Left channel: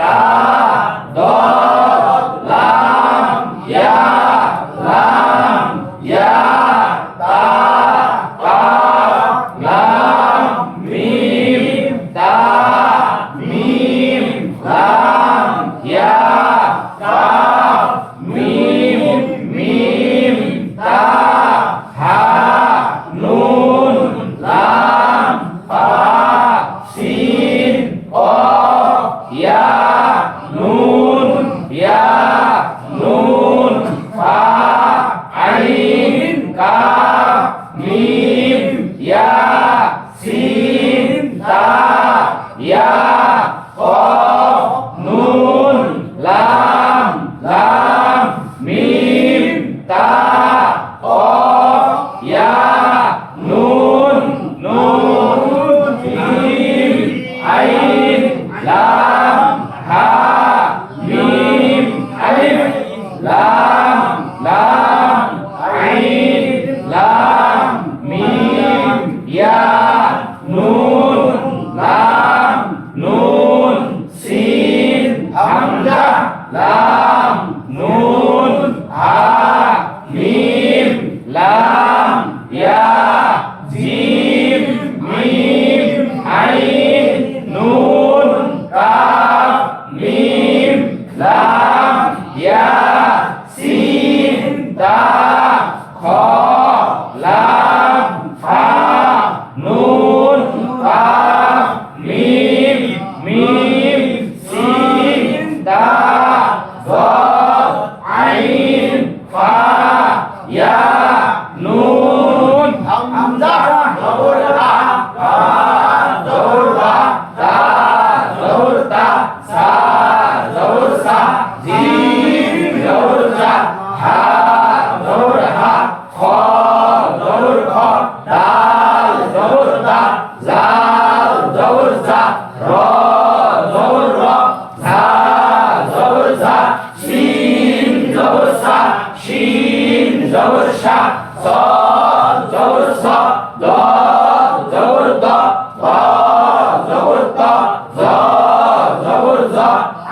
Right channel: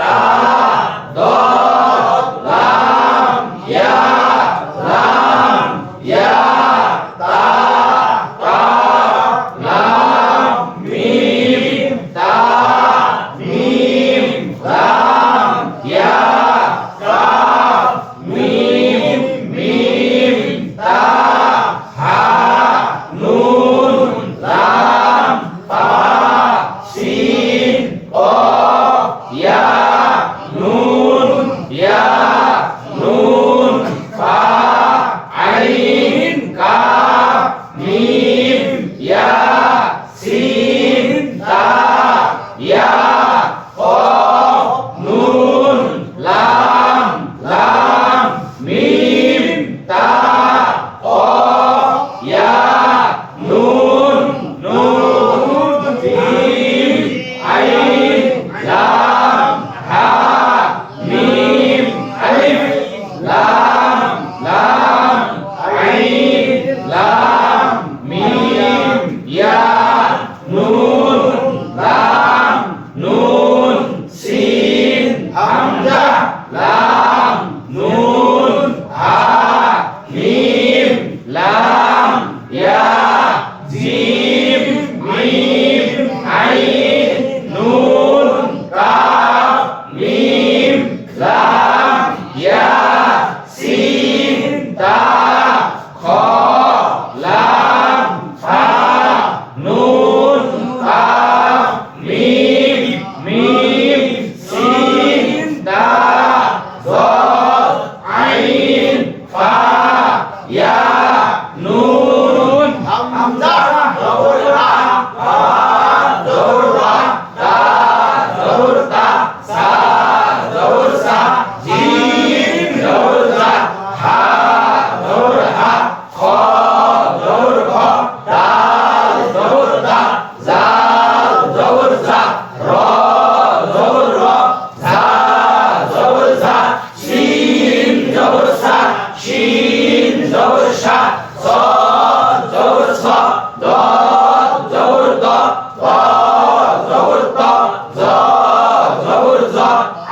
তা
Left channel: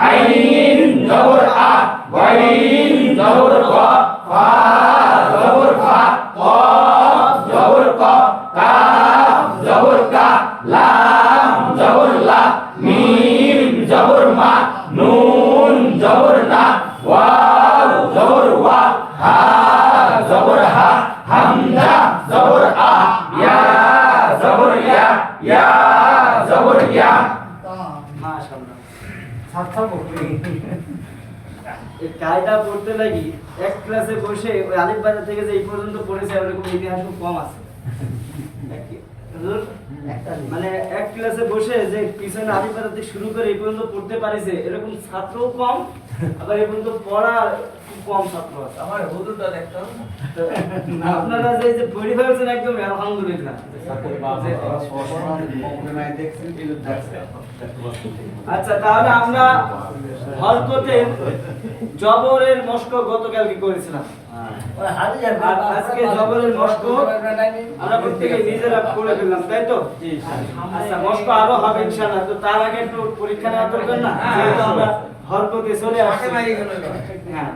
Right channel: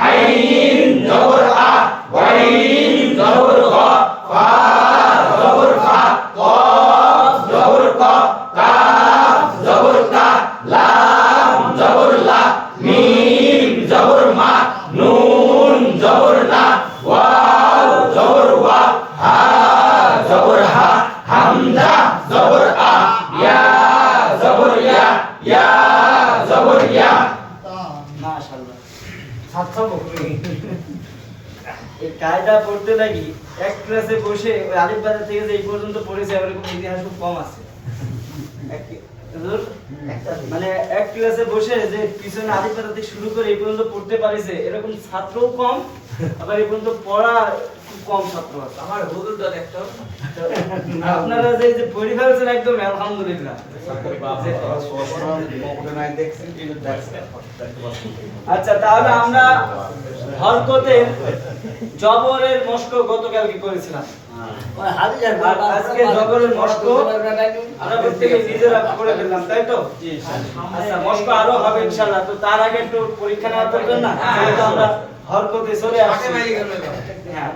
আইন জবর আ ওয়াইন জবর গ ফা জবর ফা কফ জবর ক কাফ জবর কা লাম জবর লা মিম জবর মা নুন জবর না ওয়াও জবর ওয়া হা জবর হা হামজা জবর আ ইয়া জবর ইয়া জবর ইয়া। মাশাআল্লাহ সাতটা বকরি এই কায়দা পড়তে লাগি এক ক্লাসে বসে ওই আলিফ বাজার থেকে যে এই পর্যন্ত পড়েছে এরকম ইতিহাস খুব কম আছে মানে এক ক্লাসে বসে যে পিছনে আলিফ বাজার থেকে শুরু করে এই পর্যন্ত পড়তে পারিছে এরকম ছাত্রও কম আবার এই পর্যন্ত পড়া খুব কম ছাত্র আছে। আমার হুজুরটা দেখতো আপনারা যে পড়ে ফেলছেন একদম আলহামদুলিল্লাহ। আচ্ছা তাহলে আমরা হরকতের জবরের মশক গতকালকে করেছিলাম আর আজকে জবরের মশক আমরা প্রত্যেকে নিজেরা করে ফেললাম তাই তো। আচ্ছা মশক আরো হবে ইনশাআল্লাহ। তো তার আগে একটু পরীক্ষা নেওয়া দরকার না যেহেতু আমরা হরকতে চলে আসছি। হ্যাঁ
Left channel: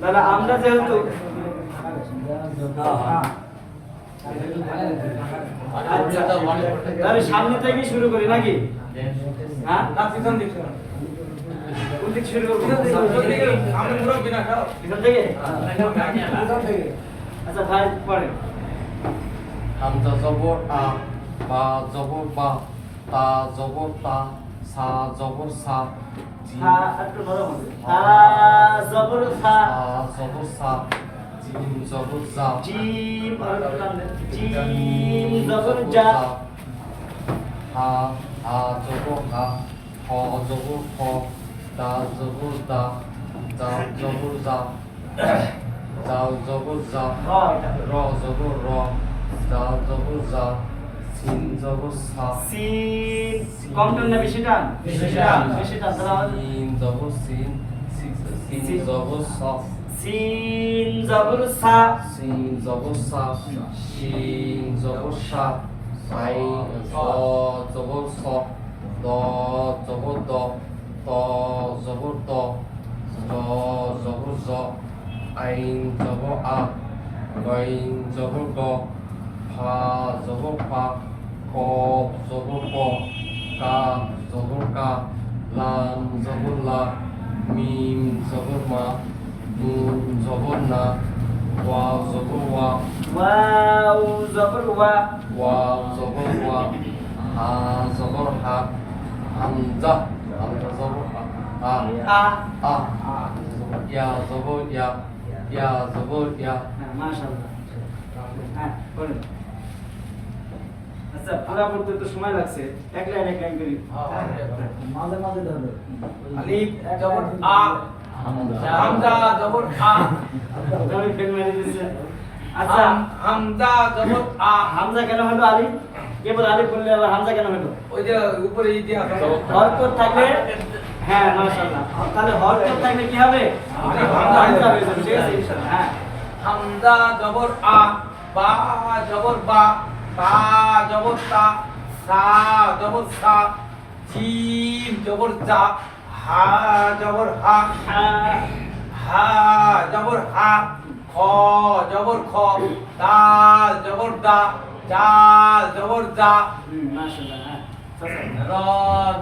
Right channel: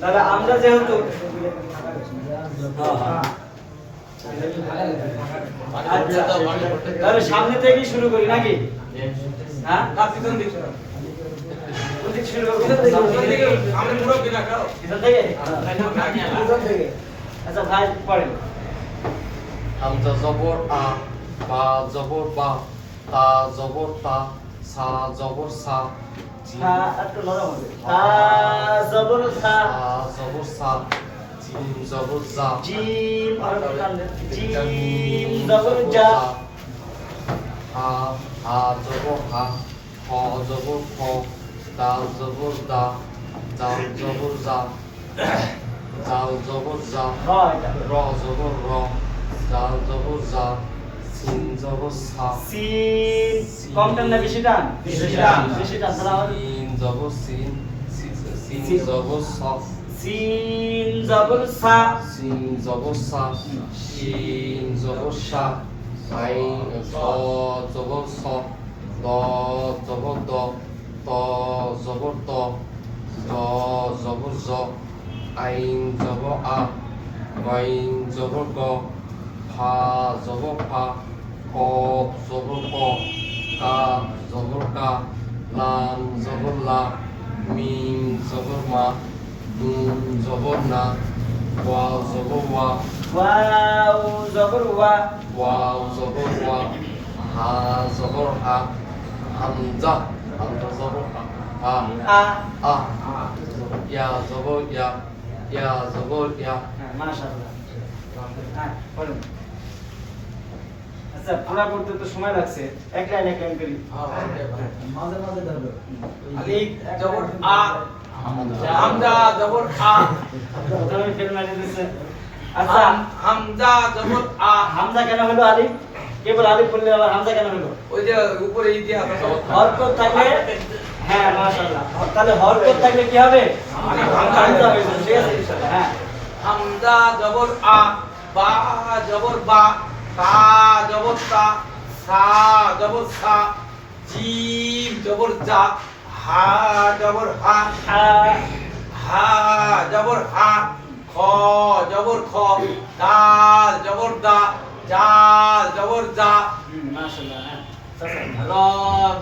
তাহলে আমরা যেহেতু আচ্ছা তাহলে সামনে থেকেই শুরু করি নাকি? হ্যাঁ পিছন দিক কোন দিক শুরু করব? আমি মুরব্বি না খাও পিছন থেকে পিছন থেকে। আচ্ছা ভাই পড়েন। হামজা জবর আ বা জবর বা তা জবর তা সা জবর সা জিম হ্যাঁ একটু নরম হবে। তা জবর সা সা জবর সা জিম জবর জা জিম আর কান জিম জবর জা হা হা জবর হা খ জবর খ দাল জবর দা জাল জবর জা জাল জবর জা হয় এটা র জবর র জাল জবর জা সিন জবর সা সিন কম টান না বেশি টান? বেশি টান তাহলে আমাদের সিন জবর সিন সিন জবর সা সিন জবর সা সিন জবর সা শিন জবর সা আইন স জবর স দ জবর দ ত জবর ত জ জবর জ আইন জবর আ গাইন জবর গ ফা জবর ফা কফ জবর ক কাফ জবর কা লাম জবর লা মিম জবর মা নুন জবর না ওয়া জবর ওয়া ওয়াও জবর ওয়া ওয়া জবর ওয়া হা জবর হা হামজা হামজা জবর হা আ আ ইয়া জবর ইয়া জবর ইয়া। হ্যাঁ মাশাআল্লাহ। হ্যাঁ পড়েন। আচ্ছা পুরা করতে তো সময় লাগছে এক লাইন করি। মাঝে মাঝে ধরো আলিফ জবর আ হামজা জবর আ আমি ফেল মারি দিছে। আচ্ছা হামজা জবর আ হামজা কেন হলো আলিফ? কেবল আলিফ বললে আবার হামজা কেন হলো? ওই যে উপরে ইতিহাস আছে হরকত থাকলে হ্যাঁ মাশাআল্লাহ তাহলে হরকত থাকলে কি হবে? হামজা হয়ে যাবে ঠিক আছে ইনশাআল্লাহ। হ্যাঁ হামজা জবর আ বা জবর বা তা জবর তা সা জবর সা জিম জবর জা হা জবর হা হা জবর হা খ জবর খ দাল জবর দা জাল জবর জা মাশাআল্লাহ। হ্যাঁ র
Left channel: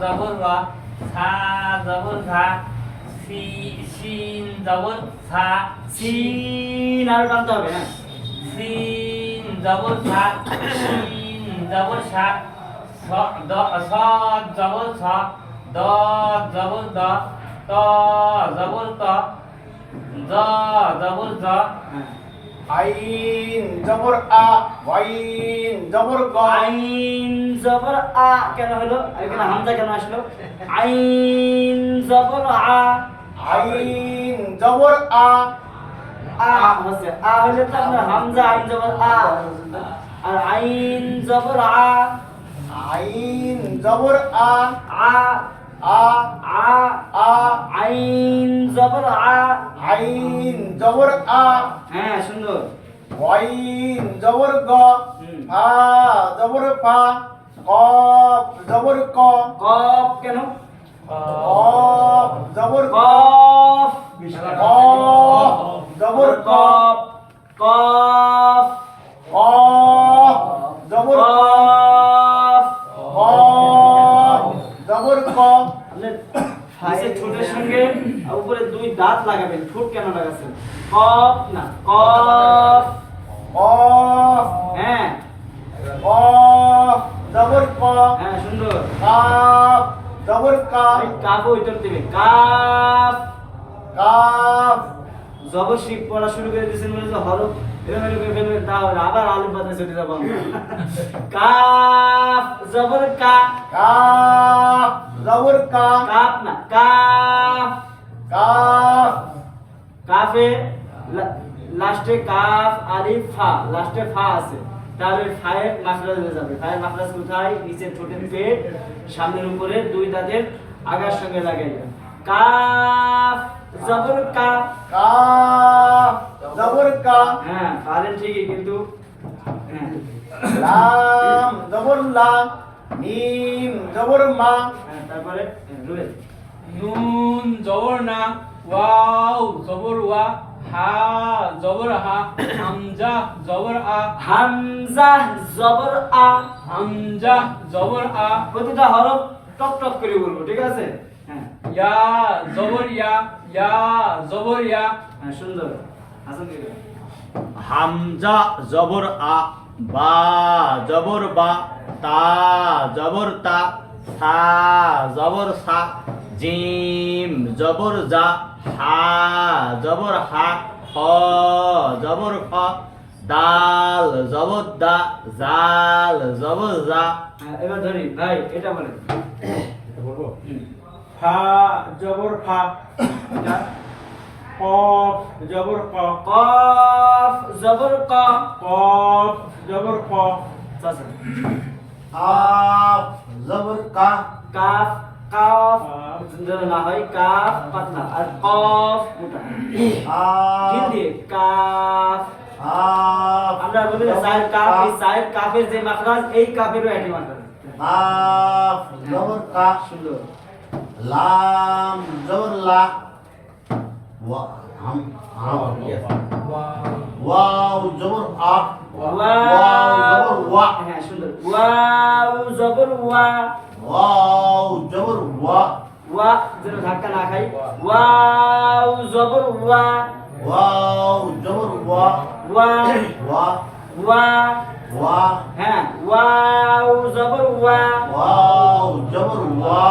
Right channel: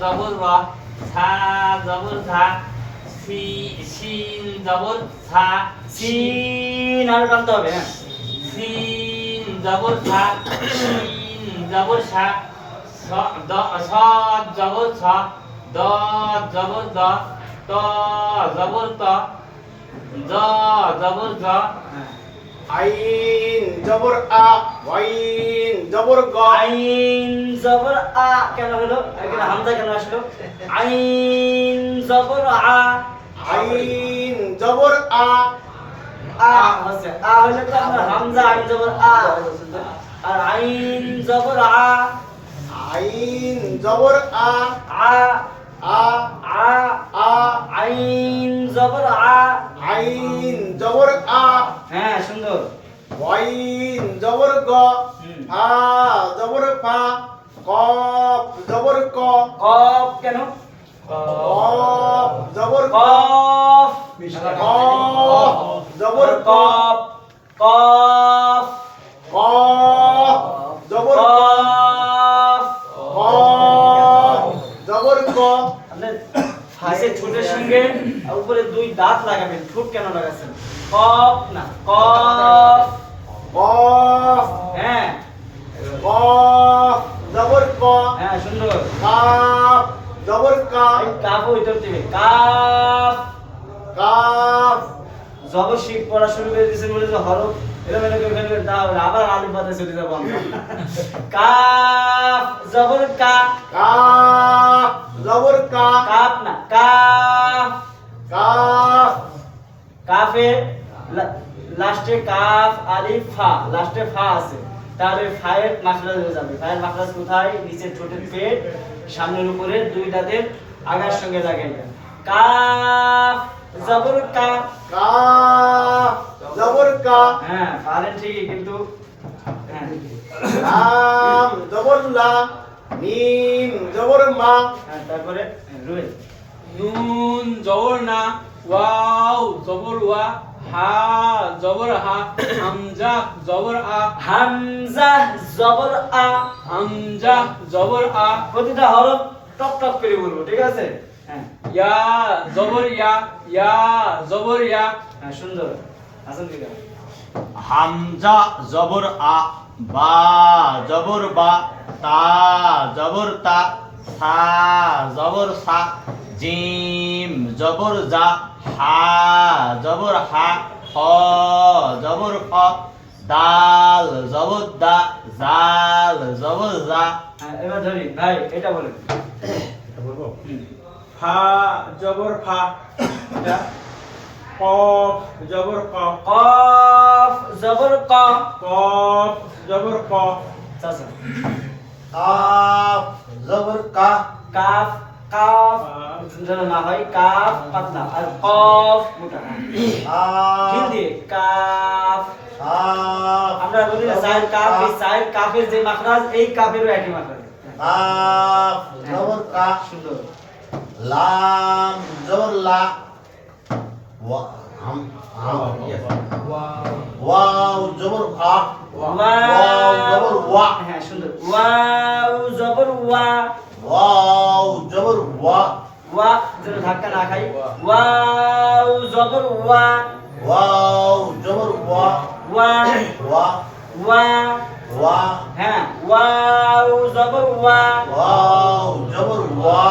জবর রা সা জবর ধা শিন জবর সা সিন আর টানতে হবে। হ্যাঁ সিন জবর সা শিন জবর সা দ স জবর স দ জবর দ ত জবর ত জ জবর জ হ্যাঁ আইন জবর আ ওয়াইন জবর গ আইন জবর আ কেন হলো? এখানে হামজা কেন আসলো? আইন জবর আ আইন জবর আ আ আছে আ হলে তো আমরা হামজা আইন জবর আ আর আইন জবর আ আইন জবর আ আ আ আ আ আইন জবর আ আইন জবর আ হ্যাঁ সুন্দর। ওয়াইন জবর গ হুম। ফা জবর ফা কফ জবর ক কফ কেন? কফ জবর আপনি নিচে ছোটের সঙ্গে আর উপরে দুই দাঁত লাগাবেন, ঠোঁট কেন লাগাচ্ছেন? কফ না, কফ। কফ হ্যাঁ কফ জবর ক হ্যাঁ সুন্দর। কাফ জবর কা এই কাফও ভিতর দিবে, কাফ। কাফ জবর শিখ পড়া শুরু করে দিয়েছেন বলে যে হরফ এলোমেলো করে ফেলবেন, তাহলে আবার আলিফ বাদে চলে যাবো আমরা। কাফ জবর কা, কাফ জবর কা কাফ না, কাফ। কাফ কাফে লাস্টে কাফ আলিফ ফা, লাস্টে ফা আছে, তাহলে ফায়ের মাখরাজ হয়ে যাবে। ফায়ের মাখরাজ কোথায়? নিচের ঠোঁটের পেট, সামনের উপরে দুই দাঁতের আগার সঙ্গে লাগাইবেন। কাফ জবর কা। কাফ জবর কা হ্যাঁ পারেন ঠিকই, কিন্তু হ্যাঁ লাম জবর লা মিম জবর মা হ্যাঁ, তারপরে রুবেল। নুন জবর না, ওয়াও জবর ওয়া, হা জবর হা, হামজা জবর আ, হামজা জবর আ। হামজা জবর আ, প্রতিটা হরফ টক টক করে বলবো, ঠিক আছে? হ্যাঁ ইয়া জবর ইয়া, ইয়া জবর ইয়া, হ্যাঁ সুন্দর। হাসান কি দেয়? হামজা জবর আ, বা জবর বা, তা জবর তা, সা জবর সা, জিম জবর জা, হা জবর হা, খ জবর খ, দাল জবর দা, জাল জবর জা। হ্যাঁ এবার ধরি ভাই, এটা বলেন। বলবো হুম। ফা জবর ফা এটা কফ জবর ক কফ জবর ক। কফ জবর ক চাচা। কাফ জবর কা, কাফ, কাফ যেন না হয় কাফ পাতলা আর কফ মোটা। ঠিক দিয়ে কাফ। আমরা বলি না সাইড কাফ, এই সাইড কাফের যে মাখরাজ, এই কাফেরও একই মাখরাজ। কাফ জবর কা, সুন্দর। লাম জবর লা, ওয়া হাম ওয়াও জবর আ, ওয়াও জবর ওয়া, হ্যাঁ সুন্দর। ওয়াও জবর ওয়া, ওয়াও জবর ওয়া, ওয়া যেন ধাক্কা না খাই। ওয়াও জবর ওয়া, ওয়াও জবর ওয়া, ওয়া ওয়া ওয়া। ওয়া, হ্যাঁ ওয়াও জবর ওয়া। ওয়াও জবর ওয়া,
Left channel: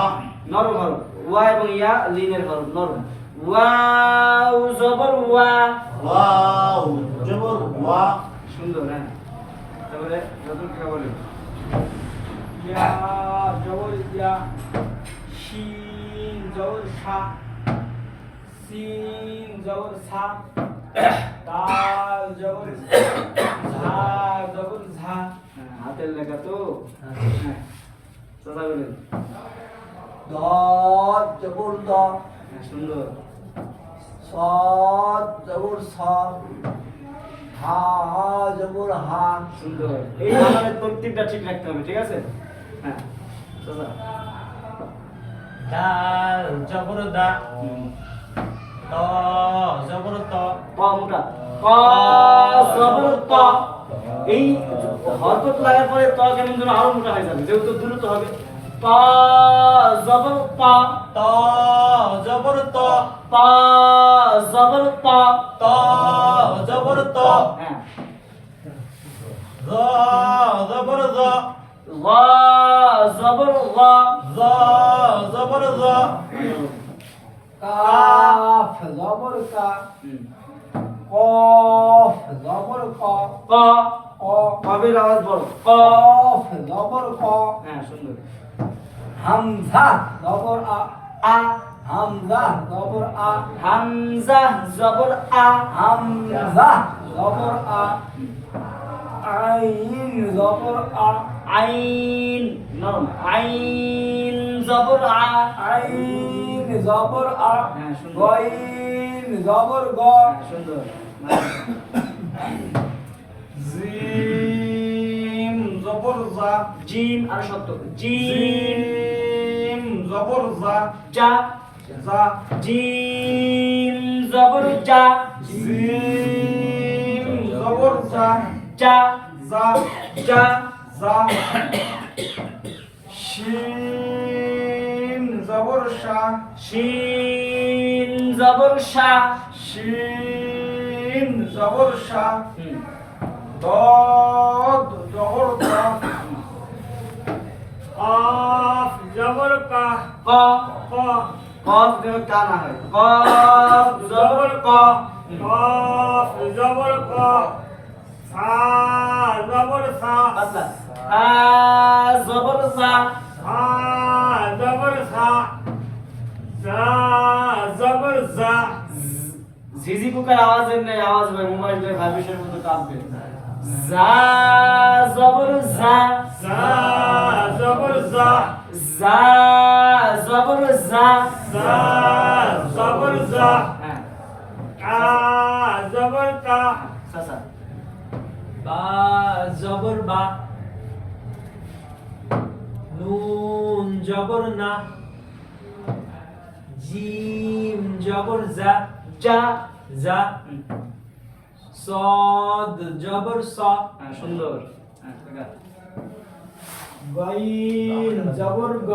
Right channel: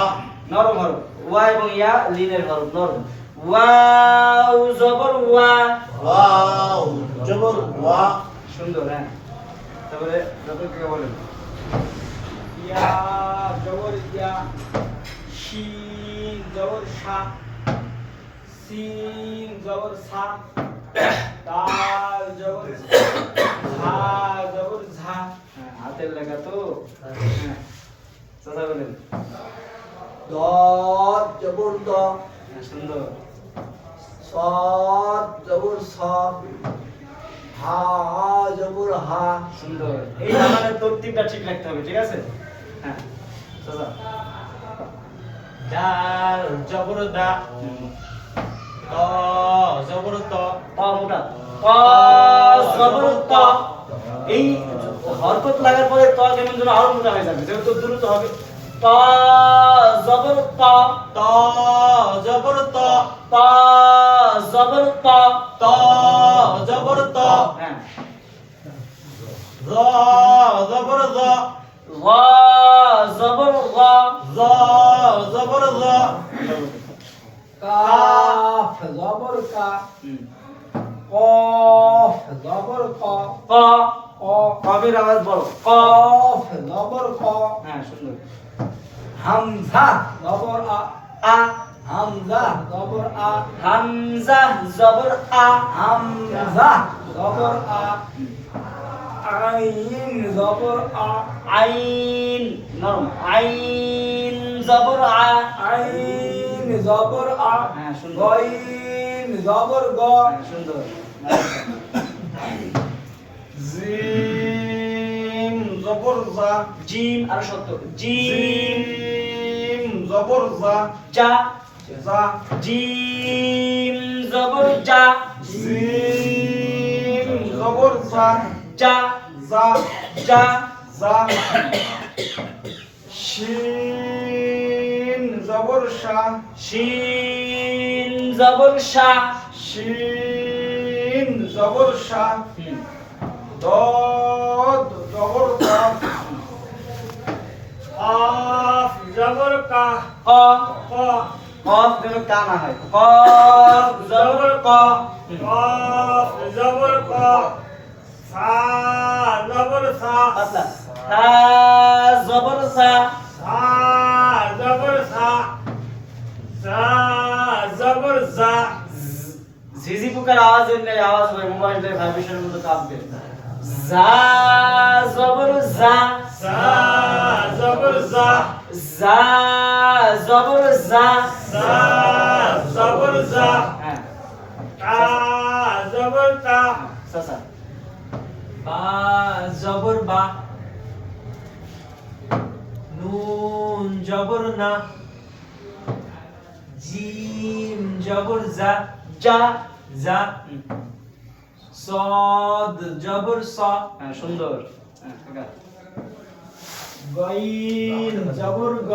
নরম হরফ, ওয়া এবং ইয়া লিনের হরফ, নরম। ওয়াও জবর ওয়া। ওয়াও জবর ওয়া। সুন্দর। হ্যাঁ তারপরে যত কি বলেন। ইয়া জবর ইয়া, শিন জবর শা, সিন জবর সা, দাল জবর ঝা, জবর ঝা, হ্যাঁ, হাতের লেখা তো। হ্যাঁ চাচা বলেন। দদ জবর দ, হ্যাঁ, সুন্দর। সদ জবর স, হা জবর হা, সুন্দর। এই আমাদের তরতিবটা ঠিক রাখতে হবে, ঠিক আছে? হ্যাঁ চাচা। দাল জবর দা, ত জবর ত, ক মোটা, ক জবর ক। এই হরকত লাগার পরে ত কেমন যেন আরো মোটা হয়ে যাবে, যেহেতু দ্রুত হবে। ত জবর ত, ত জবর ত, ত জবর ত। ত জবর ত, হ্যাঁ র জবর জ, গ জবর গ। জ জবর জ, কাফ জবর কা, হুম। কফ জবর ক, ক, ক কবির আওয়াজ বড়, ক। কফ জবর ক, হ্যাঁ সুন্দর। হামজা জবর আ, আ, হামজা জবর আ, হামজা জবর আ। হামজা জবর আ, আইন জবর আ, আইন নরম, আইন জবর আ। আইন জবর আ, হ্যাঁ, সুন্দর। গইন জবর গ, হ্যাঁ, সুন্দর। জিম জবর জা জিম আর শব্দ, জিম জিম জবর জা যা, জা জিম জবর যা, জিম জবর জা যা জা যা। জা শিন জবর জবর শা শিন জবর শা শিন জবর শা দদ জবর দ কাফ জবর কা ক ক কফ যেন কা না হয় কফ জবর ক কাফ জবর ক সা জবর সা আচ্ছা হা জবর সা সা জবর সা সা জবর সা ঝিঝি পোকার আওয়াজ নেই, আওয়াজ হয় মোবাইলের ভাইব্রেশনের মতো কাঁপবে। জা জবর জা সা জবর সা জা জবর জা সা জবর সা হ্যাঁ কা জবর কা সাসা বা জবর বা নুন জবর না জিম জবর জা যা জা সদ জবর স হ্যাঁ সুন্দর হ্যাঁ ঠিক আছে গাইন জবর গ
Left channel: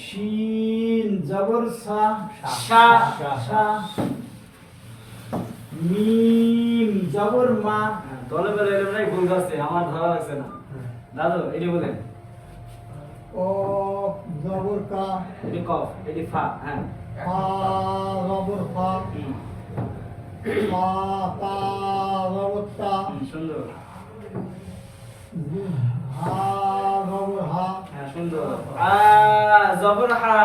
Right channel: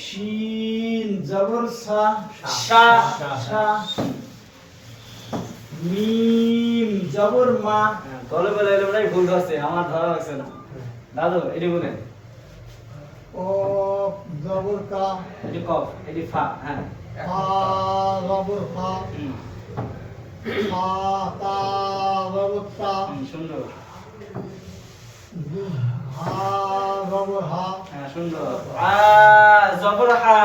শিন জবর সা শা শা মিম জবর মা গলে গলে এলে মনে হয় ভুল হচ্ছে, আমার ধরা লাগছে না। দাদু এটি বলেন, কফ জবর কা এটি কফ এটি ফা হ্যাঁ ফা জবর ফা ফা তা জবর তা সুন্দর হা জবর হা হ্যাঁ সুন্দর আ জবর হা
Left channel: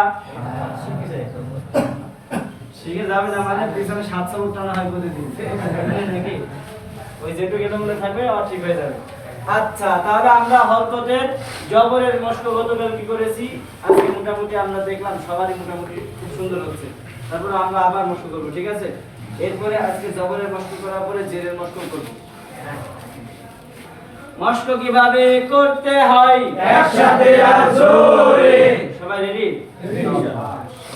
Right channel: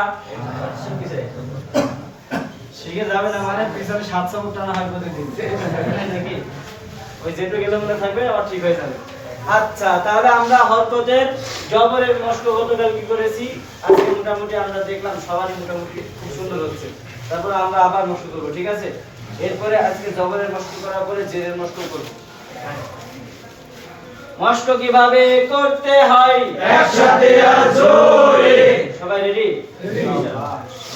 শিখে যাবে না মানে পিছনে 700 উঠানো হয় প্রতিদিন দেখি ওই যেটু গেলে মনে থাকবে আবার ঠিক হয়ে যাবে। আচ্ছা তাহলে আমরা হরকতের জবরের মশক গতকাল কি করেছি, আজকে মোটামুটি আমরা দেখলাম সবারই মোটামুটি খুব সুন্দর হচ্ছে। তারপর আমরা আবার মশক করব, ঠিক আছে? এরপরে আজকে জবরের মশক করার পরে জেরের মশক করব। মশক কিভাবে করতে হয় একসাথে আর জোরে সবাই রেডি?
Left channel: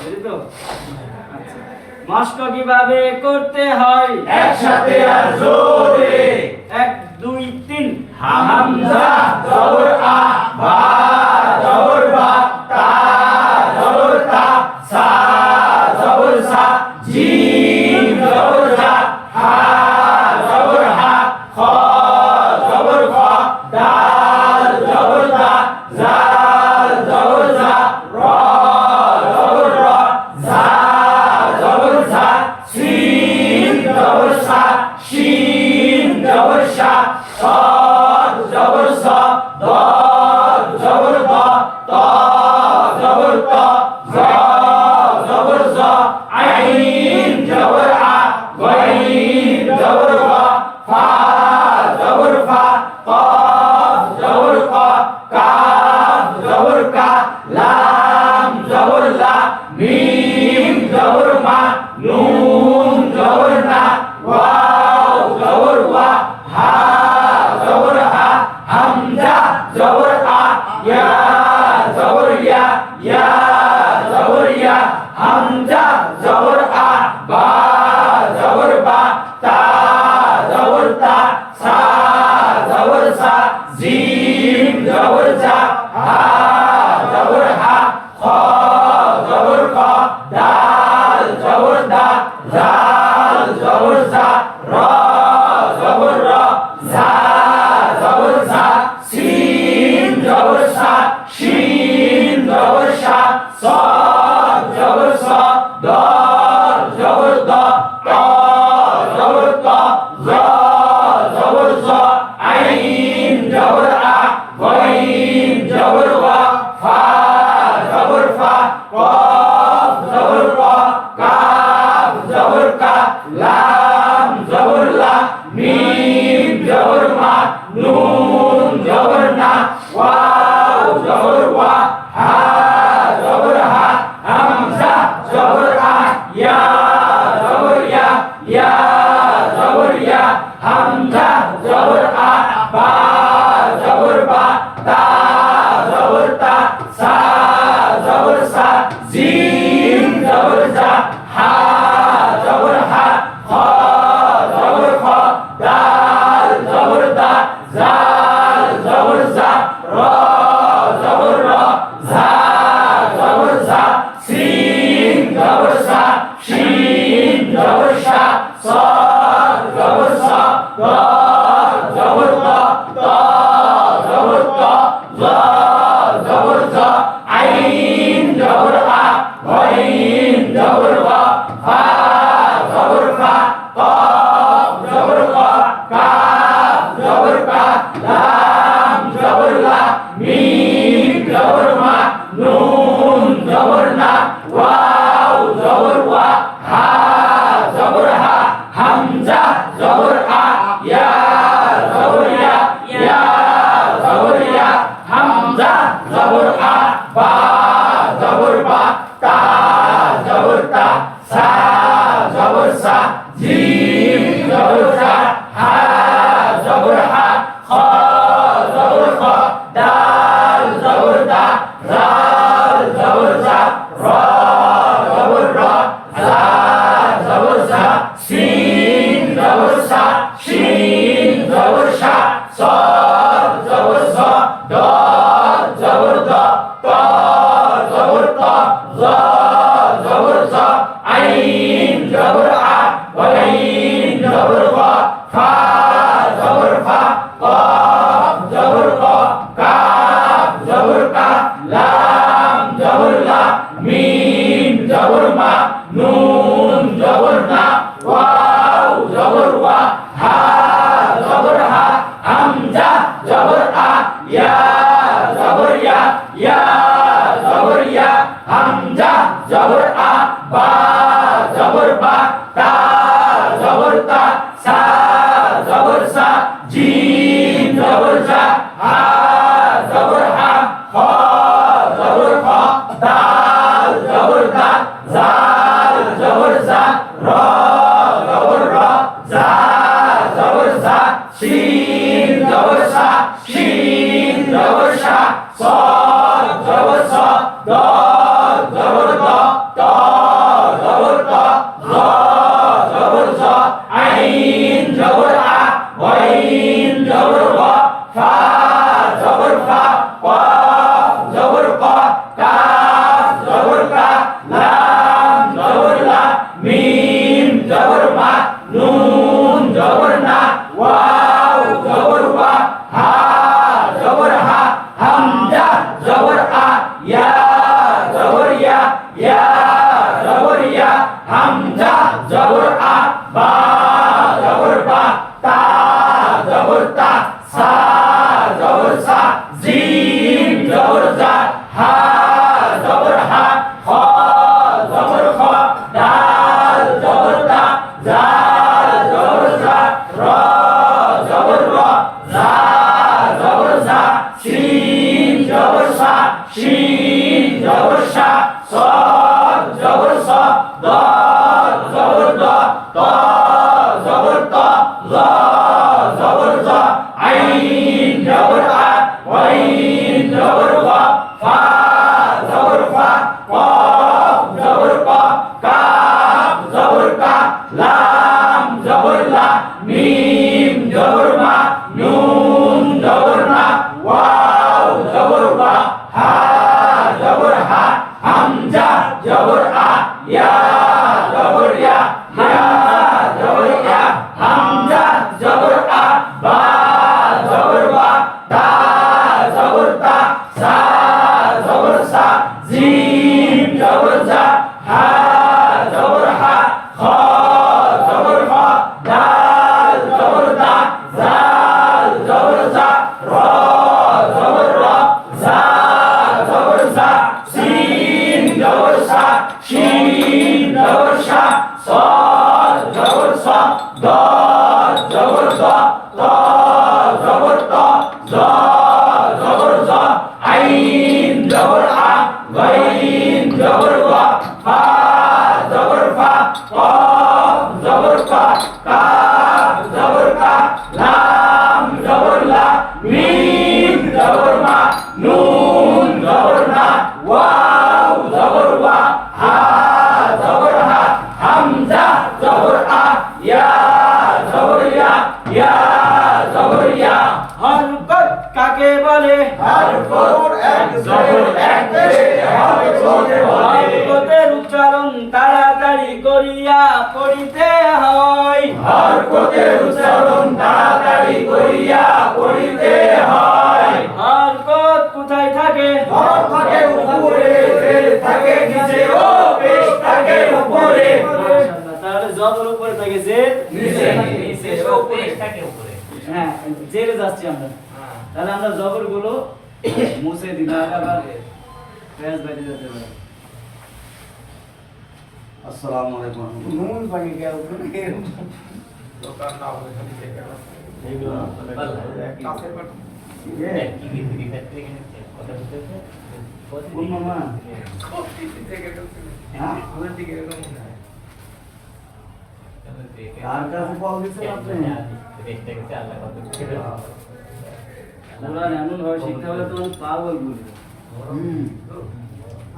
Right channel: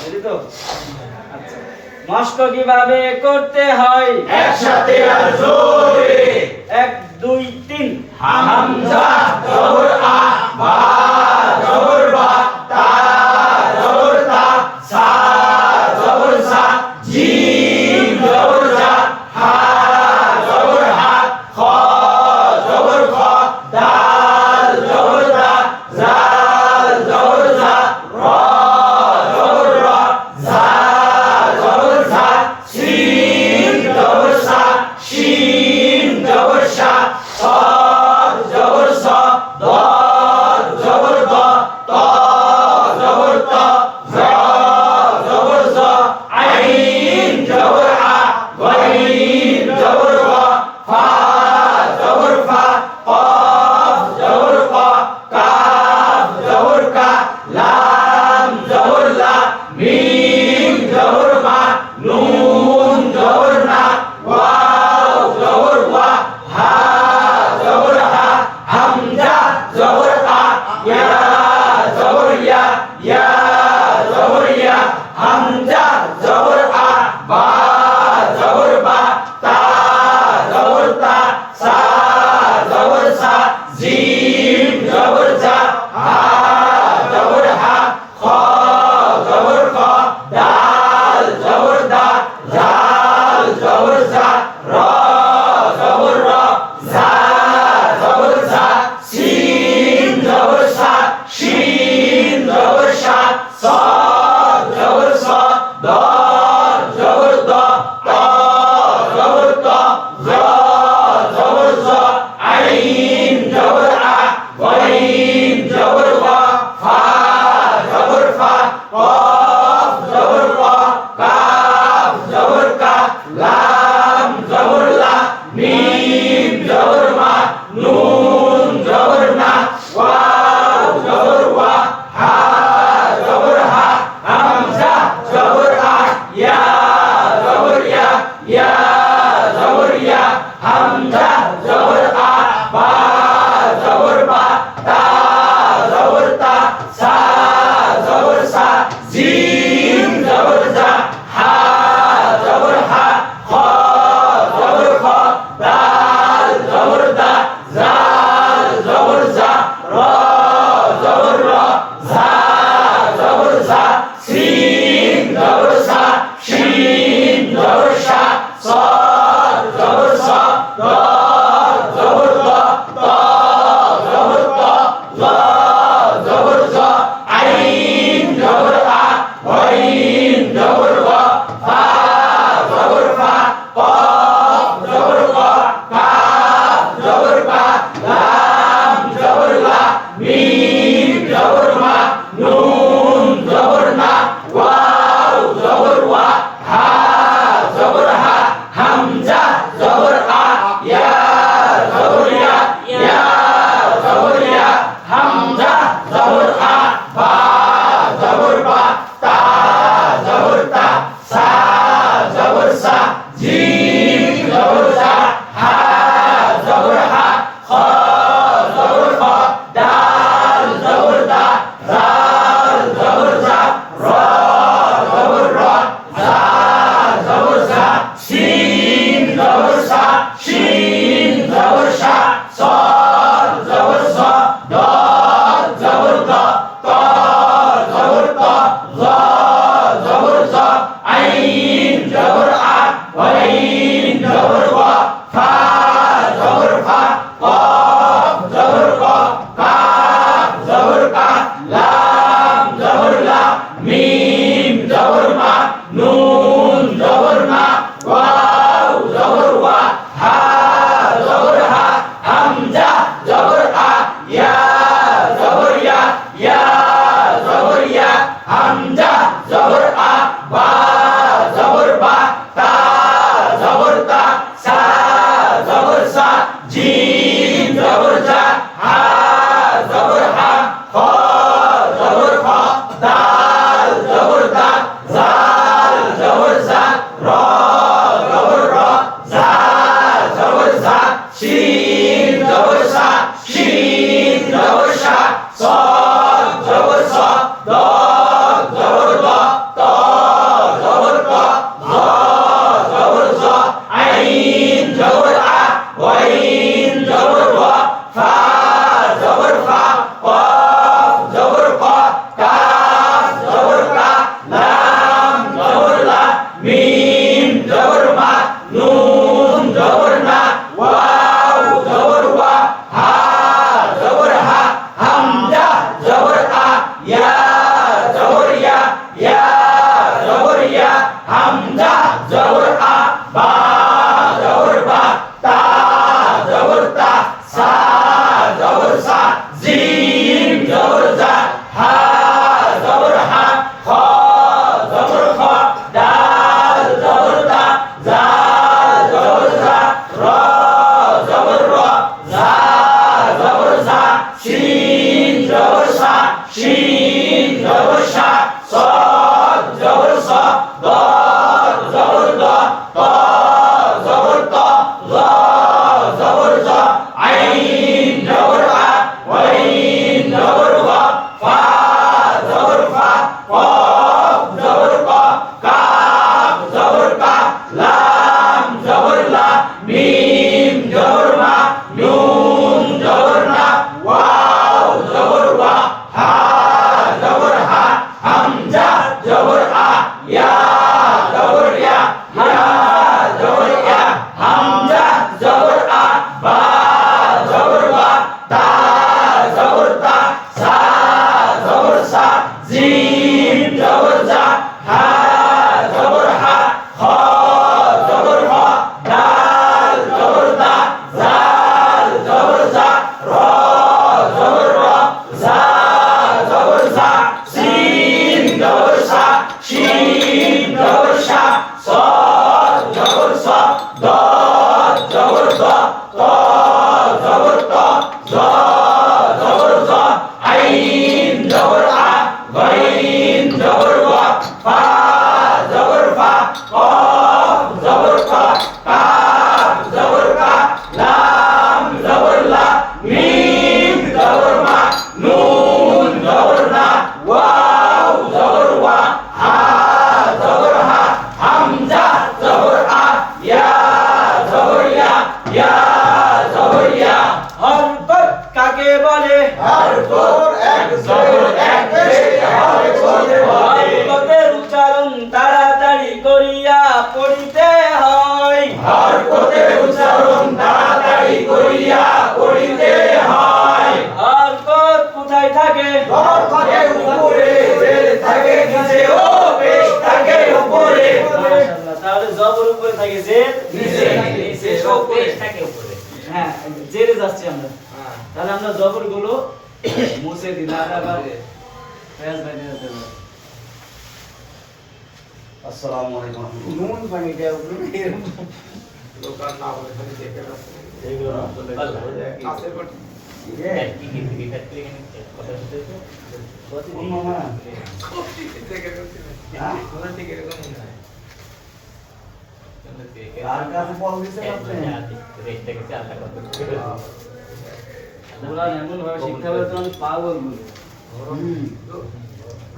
রেডি তো? আচ্ছা মশক কিভাবে করতে হয় একসাথে আর জোরে 1 2 3 হামজা জবর আ বা জবর বা তা জবর তা সা জবর সা জিম জবর জা হা জবর হা খ জবর খ দাল জবর দা জাল জবর জা র জবর র জা জবর ঝা শিন জবর সা শিন জবর সা صاد জবর স ضاد জবর দ ত জবর ত জ জবর জ আইন জবর আ গাইন জবর গ ফা জবর ফা কফ জবর ক কাফ জবর কা লাম জবর লা মিম জবর মা নুন জবর না ওয়াও জবর ওয়া হা জবর হা হামজা জবর আ ইয়া জবর ইয়া ইয়া জবর ইয়া হামজা জবর আ বা জবর বা তা জবর তা সা জবর সা জিম জবর জা হা জবর হা খ জবর খ দাল জবর দা জাল জবর জা র জবর র জা জবর জা শিন জবর সা শিন জবর সা صاد জবর স ضاد জবর দ ত জবর ত জ জবর জ আইন জবর আ গাইন জবর ওয়া ফা জবর ফা কফ জবর ক কাফ জবর কা লাম জবর লা মিম জবর মা নুন জবর না ওয়াও জবর ওয়া হা জবর হা হামজা জবর আ ইয়া জবর ইয়া ইয়া জবর ইয়া হামজা জবর আ বা জবর বা তা জবর তা সা জবর সা জিম জবর জা হা জবর হা খ জবর খ দাল জবর দা জাল জবর জা র জবর র জা তা জবর তা সা জবর সা জিম জবর জা হা জবর হা খ জবর খ দাল জবর দা জাল জবর জা র জবর র জা জবর জা সিন জবর সা শিন জবর সা صاد زبر صا دال زبر دا تا زبر تا ظا زبر ظا عين زبر ع وعين زبر وا فا زبر فا قاف زبر قا كاف زبر كا لام زبر لا ميم زبر ما نون زبر نا واو زبر وا ها زبر ها হামজা জবর আ ইয়া জবর ইয়া ইয়া জবর ইয়া হামজা জবর আ বা জবর বা তা জবর তা সা জবর সা জিম জবর জা হা জবর হা খ জবর খ দাল জবর দা জাল জবর জা র জবর র জা জবর জা শিন জবর সা শিন জবর সা صاد জবর স দাল জবর দ ত জবর ত জ জবর জ আইন জবর আ ওয়াইন জবর ওয়া ফা জবর ফা قاف জবর ক কাফ জবর কা লাম জবর লা মিম জবর মা নুন জবর না ওয়াও জবর ওয়া হা জবর হা হামজা জবর আ ইয়া জবর ইয়া ইয়া জবর ইয়া হামজা জবর আ বা জবর বা তা জবর তা সা জবর সা জিম জবর জা হা জবর হা খ জবর খ দাল জবর দা জাল জবর জা র জবর র জা জবর জা শিন জবর সা শিন জবর সা صاد জবর স দাল জবর দ ত জবর ত জ জবর জ আইন জবর আ ওয়াইন জবর ওয়া ফা জবর ফা قاف জবর ক কাফ জবর কা লাম জবর লা মিম জবর মা নুন জবর না ওয়াও জবর ওয়া হা জবর হা হামজা জবর আ ইয়া জবর ইয়া ইয়া জবর ইয়া হামজা জবর আ বা জবর বা তা জবর তা সা জবর সা জিম জবর জা হা জবর হা খ জবর খ দাল জবর দা জাল জবর জা র জবর র জা জবর জা সিন জবর সা শিন জবর সা صاد জবর স দাল জবর দ ত জবর ত জ জবর জ আইন জবর আ ওয়াইন জবর ওয়া ফা জবর ফা قاف জবর ক কাফ জবর কা লাম জবর লা মিম জবর মা নুন জবর না ওয়াও জবর ওয়া হা জবর হা হামজা জবর আ ইয়া জবর ইয়া ইয়া জবর ইয়া হরকত কাকে বলে হরকত এক জবর এক পেশে হরকত বলে হরকতের উচ্চারণ তাড়াতাড়ি করিয়া পড়িতে হয় হরকতের উচ্চারণ তাড়াতাড়ি করিয়া পড়িতে হয় হরকত কোথায় থাকে ধর থাকে উপরে জের থাকে নিচে ও পেশ থাকে উপরে মাশাআল্লাহ, তাহলে জবর উপরে থাকে জের নিচে নিচে ও পেশ থাকে উপরে। হ্যাঁ জেরে যাচ্ছি আমরা, তাহলে আমরা জবর গুলো মুছে দিলাম আবার ফেজ বাইরে যেতে হবে। আসসালামু আলাইকুম ওয়া রাহমাতুল্লাহ। নুন পানি দেওয়া উপরে দোকান না হলে দেখে কার কাছে বল দিছেন আপনি? কোরআন এমন ভাবে শিখতে হবে তো পাগল বলে।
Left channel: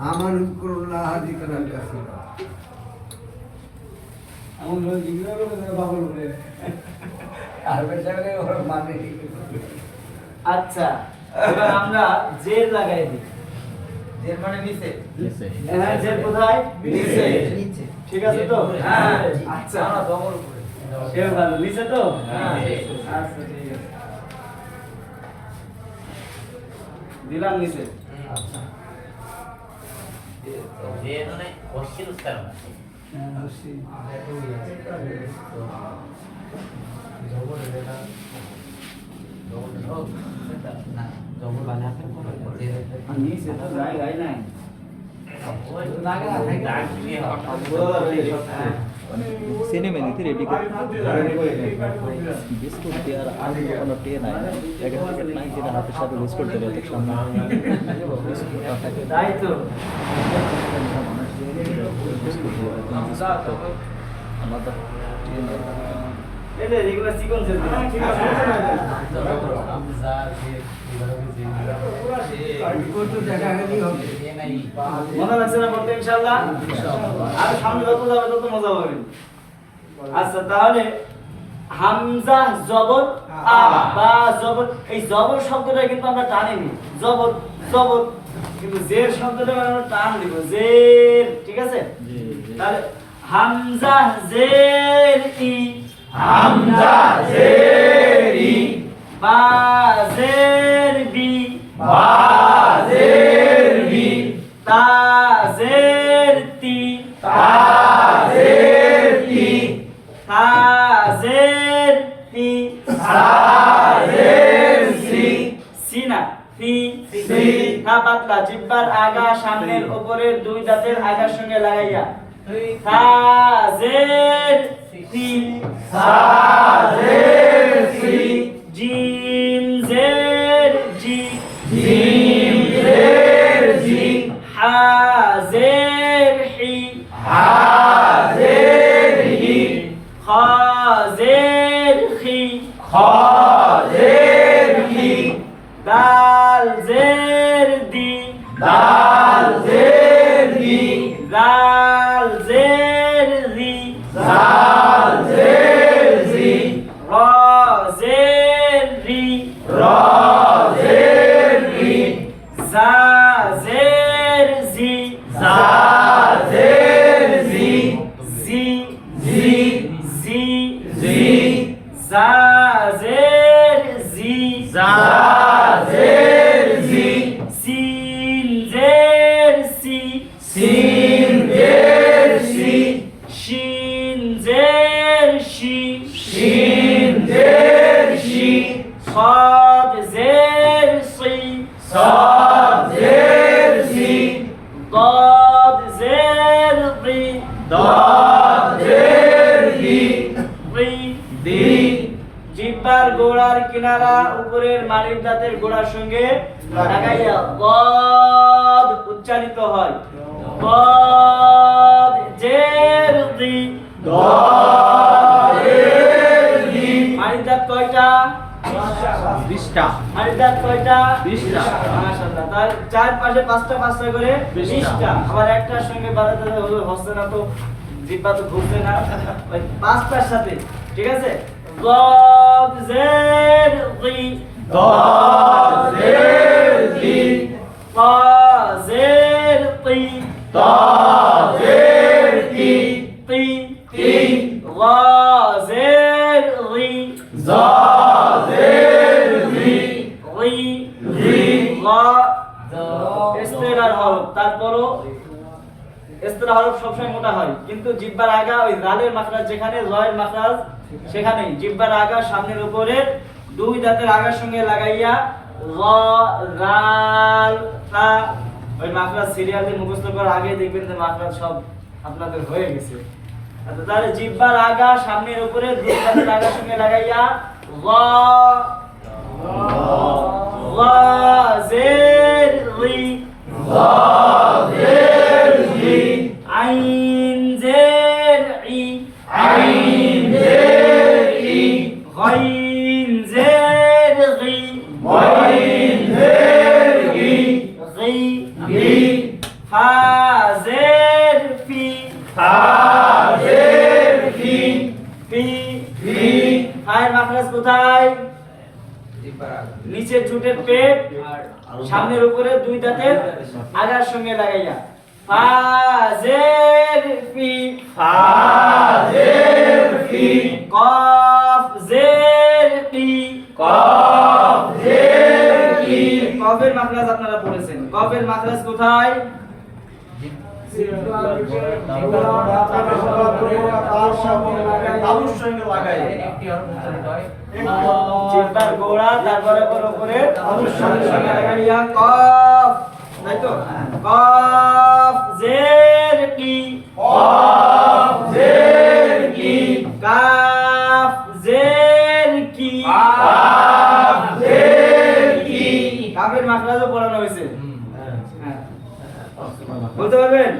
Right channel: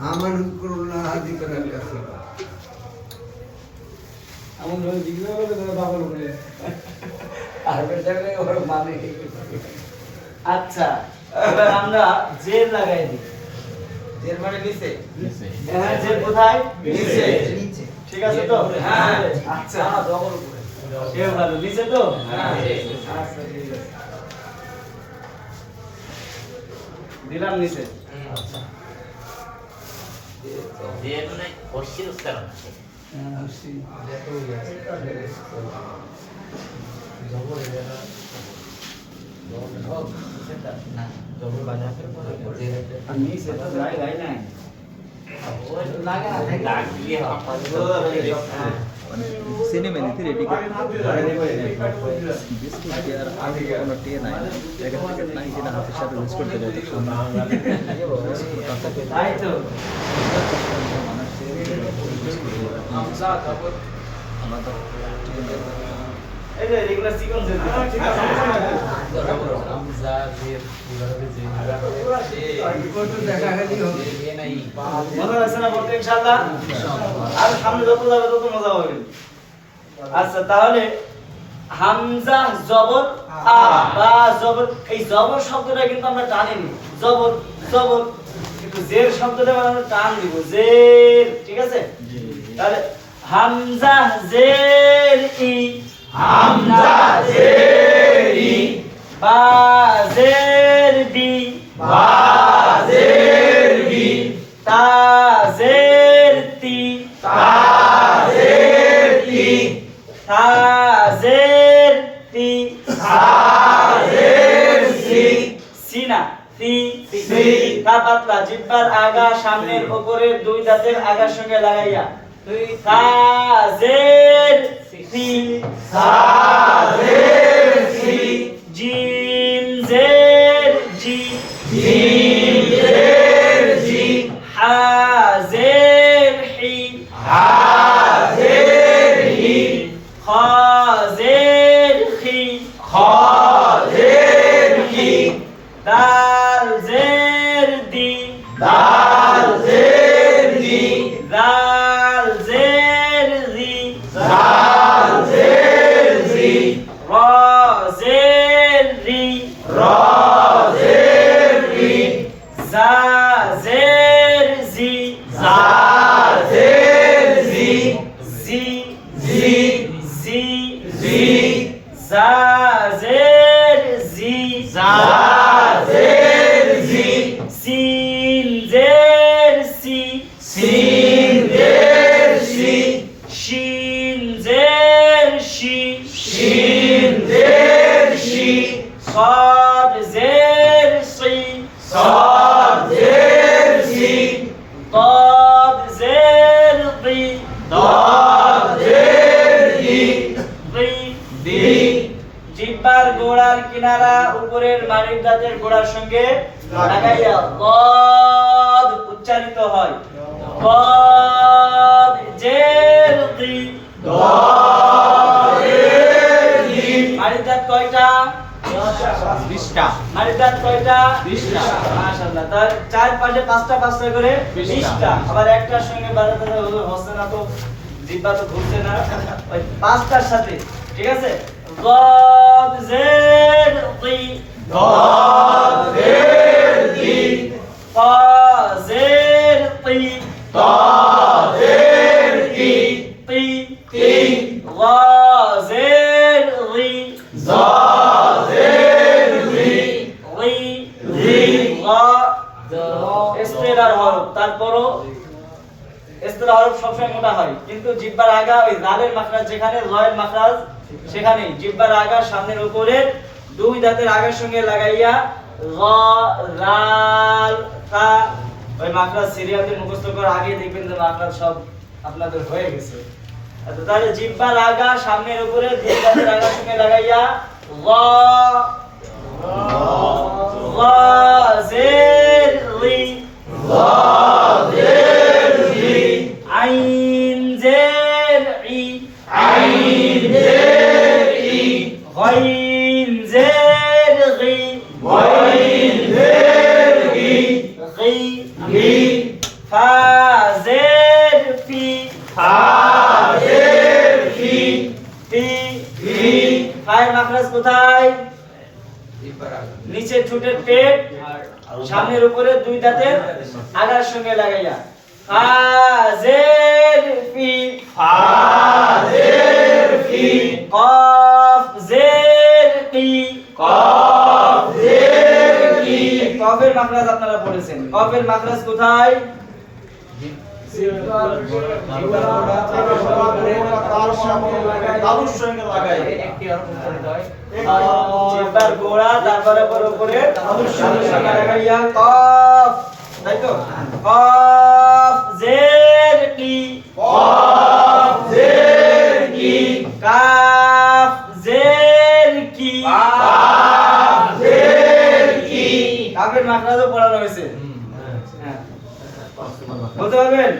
আমার করুণা হাজি করার কাছে এমন ভাবে জিজ্ঞাসা করলে তারা পাগল করে। আর বেচারে ওর মানে আচ্ছা, এবার আমরা জের লাগাই দিই। এর মানে নিচে হ্যাঁ, জের কোথায়? নিচে নিচে ঠিক আছে তো? হ্যাঁ আচ্ছা, ডবল করে সেও ভালো নিচে তো? হ্যাঁ। আচ্ছা, ঠিক আছে। দিলাম নিচে। আর নিচে তো জায়গায় নাই। সিনেমা নিতে রেডি করে বিস্কুট দিয়ে আর আগে কোনো টে নাই প্যাকেট প্যাকেট নাই যেটা হাতের সাথে বিস্কুট দিয়ে এত সুন্দর তাই তো। আলাদা এই যে এগুলো সিকোয়েন্স এর দিলাম। দেখা গেলি হবে মজা লাগছে না বলতে ইনশাআল্লাহ? আর সামনে যত যাবে তত মজা হবে। আচ্ছা, তাহলে হামজা জবর আ বা জবর, এই জবর শব্দটা কিন্তু আমরা টানিনি। জবর জবর, কিন্তু জের শব্দটা আমরা টান দিব। জের, ঠিক আছে? তাহলে হামজা জের ই, হামজা জের ই, বা জের বি, বা জের বি, তা জের তি, তা জের তি, থা জের তি, সা জের সি, সিনা সি, সি, থা পাতলা, জিহ্বার আগা সামনের উপরের দুই দাঁতের আগার সঙ্গে লাগাইয়া। থা জের সি, সা জের সি, জিম জের জি, জিম জের জি, হা জের হি, হা জের হি, খা জের খি, খ জের হি, দাল জের দি, দাল জের দি, দাল জের রি, জাল জের জি, র জের রি, র জের রি, জা জের জি, জা জের জি, জি জি, জি, জি, জা জের জি, জা জের জি, সিন জের সি, সিন জের সি, শিন জের শি, শিন জের শি, صاد زير صي، صاد জের সি, ضاد زير ضي، দাল জের দি, ضي দি, জিহ্বার গোড়ার কিনারা উপরের মাড়ির দাঁতের গোড়ার সঙ্গে লাগাইয়া ضاد উচ্চারিত হয়। ضاد জের ضي, দাল জের দি, মাড়ির দাঁত কয়টা? 20টা মাড়ির দাঁত কয়টা? 20টা মাশাআল্লাহ। তার চারপাশে পাঁচটা পাঁচটা করে 20টা। আবার একটার সঙ্গে বাড়াতে হচ্ছে না তো, জিহ্বা তো ঘুরছে না, ওই পাঁচটার সাথে, ঠিক আছে? ضاد زير ضي، দাল জের দি, طا زير طي، তা জের তি, طي তি, ضا زير ضي، জা জের জি, ضي জি, ضا ইস্তেলার হরফ। তারপরও ইস্তেলার হরফ সবসময় মোটা হয়, কিন্তু জিহ্বার আগা ওই গালের মাখরাজ যেখানে, লয়ের মাখরাজ সেখানে জিহ্বার আগা সামনের উপরের দুই দাঁতের আগার সঙ্গে লাগাইয়া গ রাল তা, ওই মাখরাজ সিরিয়ালে মুখস্থ করার আগে দেখবেন যে মাখরাজ সব আপনাদের হয়ে গেছে। আচ্ছা, তাহলে জিহ্বার আগা সামনের উপরে দুই দাঁতের আগার সঙ্গে লাগাইয়া গ জের রি আইন জের ই غين زير غي غي فا زير في في ফায়ের মাখরাজ কোথায়? নিচে ঠোঁটের পেট আর সামনের উপরে দুই দাঁতের আগার সঙ্গে লাগাইয়া ফা জের ফি কফ জের কি কফের মাখরাজ আপনারা পড়েছেন। কফের মাখরাজ কোথায়? জিহ্বার গোড়া তারপরে উপরে তালুর সঙ্গে লাগাইয়া কফ, তাই তো? কফ জের কি কাফ জের কি কাফের মাখরাজও পড়ানো হয়েছে। হ্যাঁ। বলতে পারবেন?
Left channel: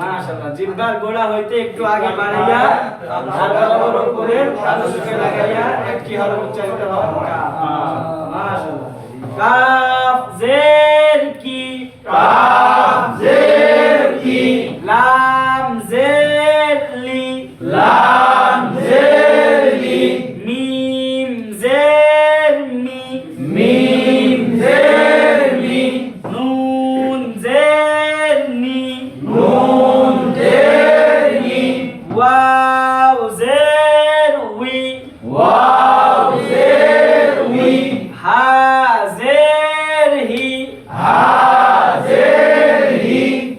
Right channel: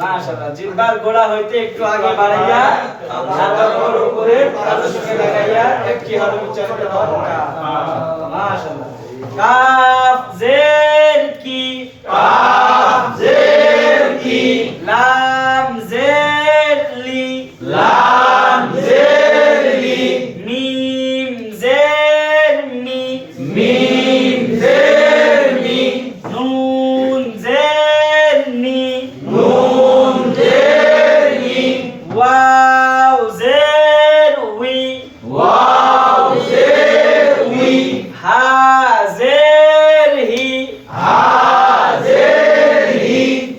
মাশাআল্লাহ, জিহ্বার গোড়া হইতে একটু আগে বাড়াইয়া তারপর উপরে তালুর সঙ্গে লাগাইয়া একটি হরফ উচ্চারিত হওয়া। মাশাআল্লাহ। কাফ জের কি লাম জের লি মিম জের মি নুন জের নি ওয়াও জের উই হা জের হি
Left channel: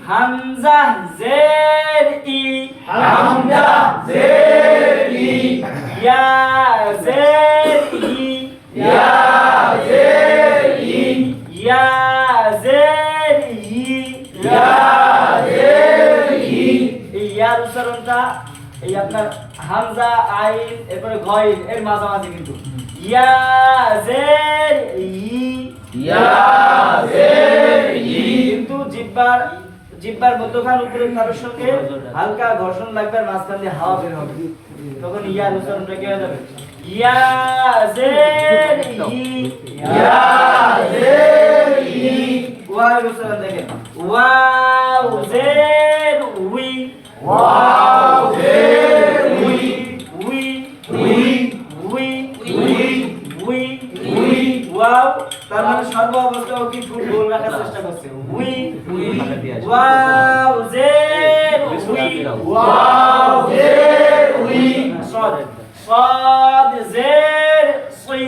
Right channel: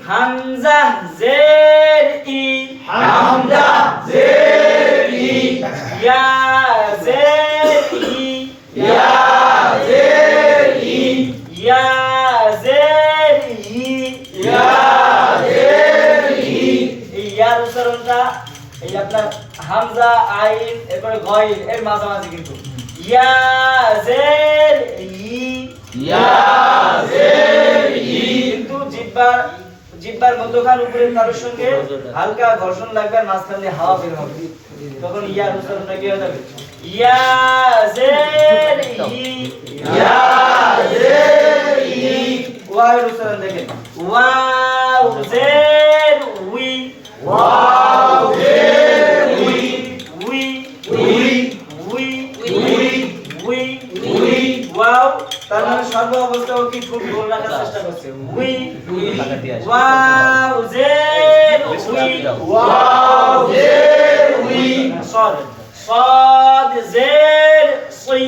হামজা জের ই ইয়া জের ই ইয়া জের ই ইয়ার উচ্চারণটা এই আপনার হামজা আইন এরপরে গইন এর মাঝামাঝি কিন্তু ইয়া জের ই কিন্তু জিহ্বার মধ্যখান উপরে তালুর সঙ্গে হালকা ঘর্ষণ লাগবে আর মাঝখান দিয়ে হাওয়া বের হবে, তখন ইয়ার উচ্চারণটা কি হয়ে যাবে? ইয়া জের ই ওয়াও উচ্চারণ দেখেন ওয়াও জের উই উই ওয়াও তার মানে সর্ব অবস্থায় কি ঠোঁট গোল রাখার চেষ্টা করছে। উই ওয়াও জের উই صاد صاد زير صي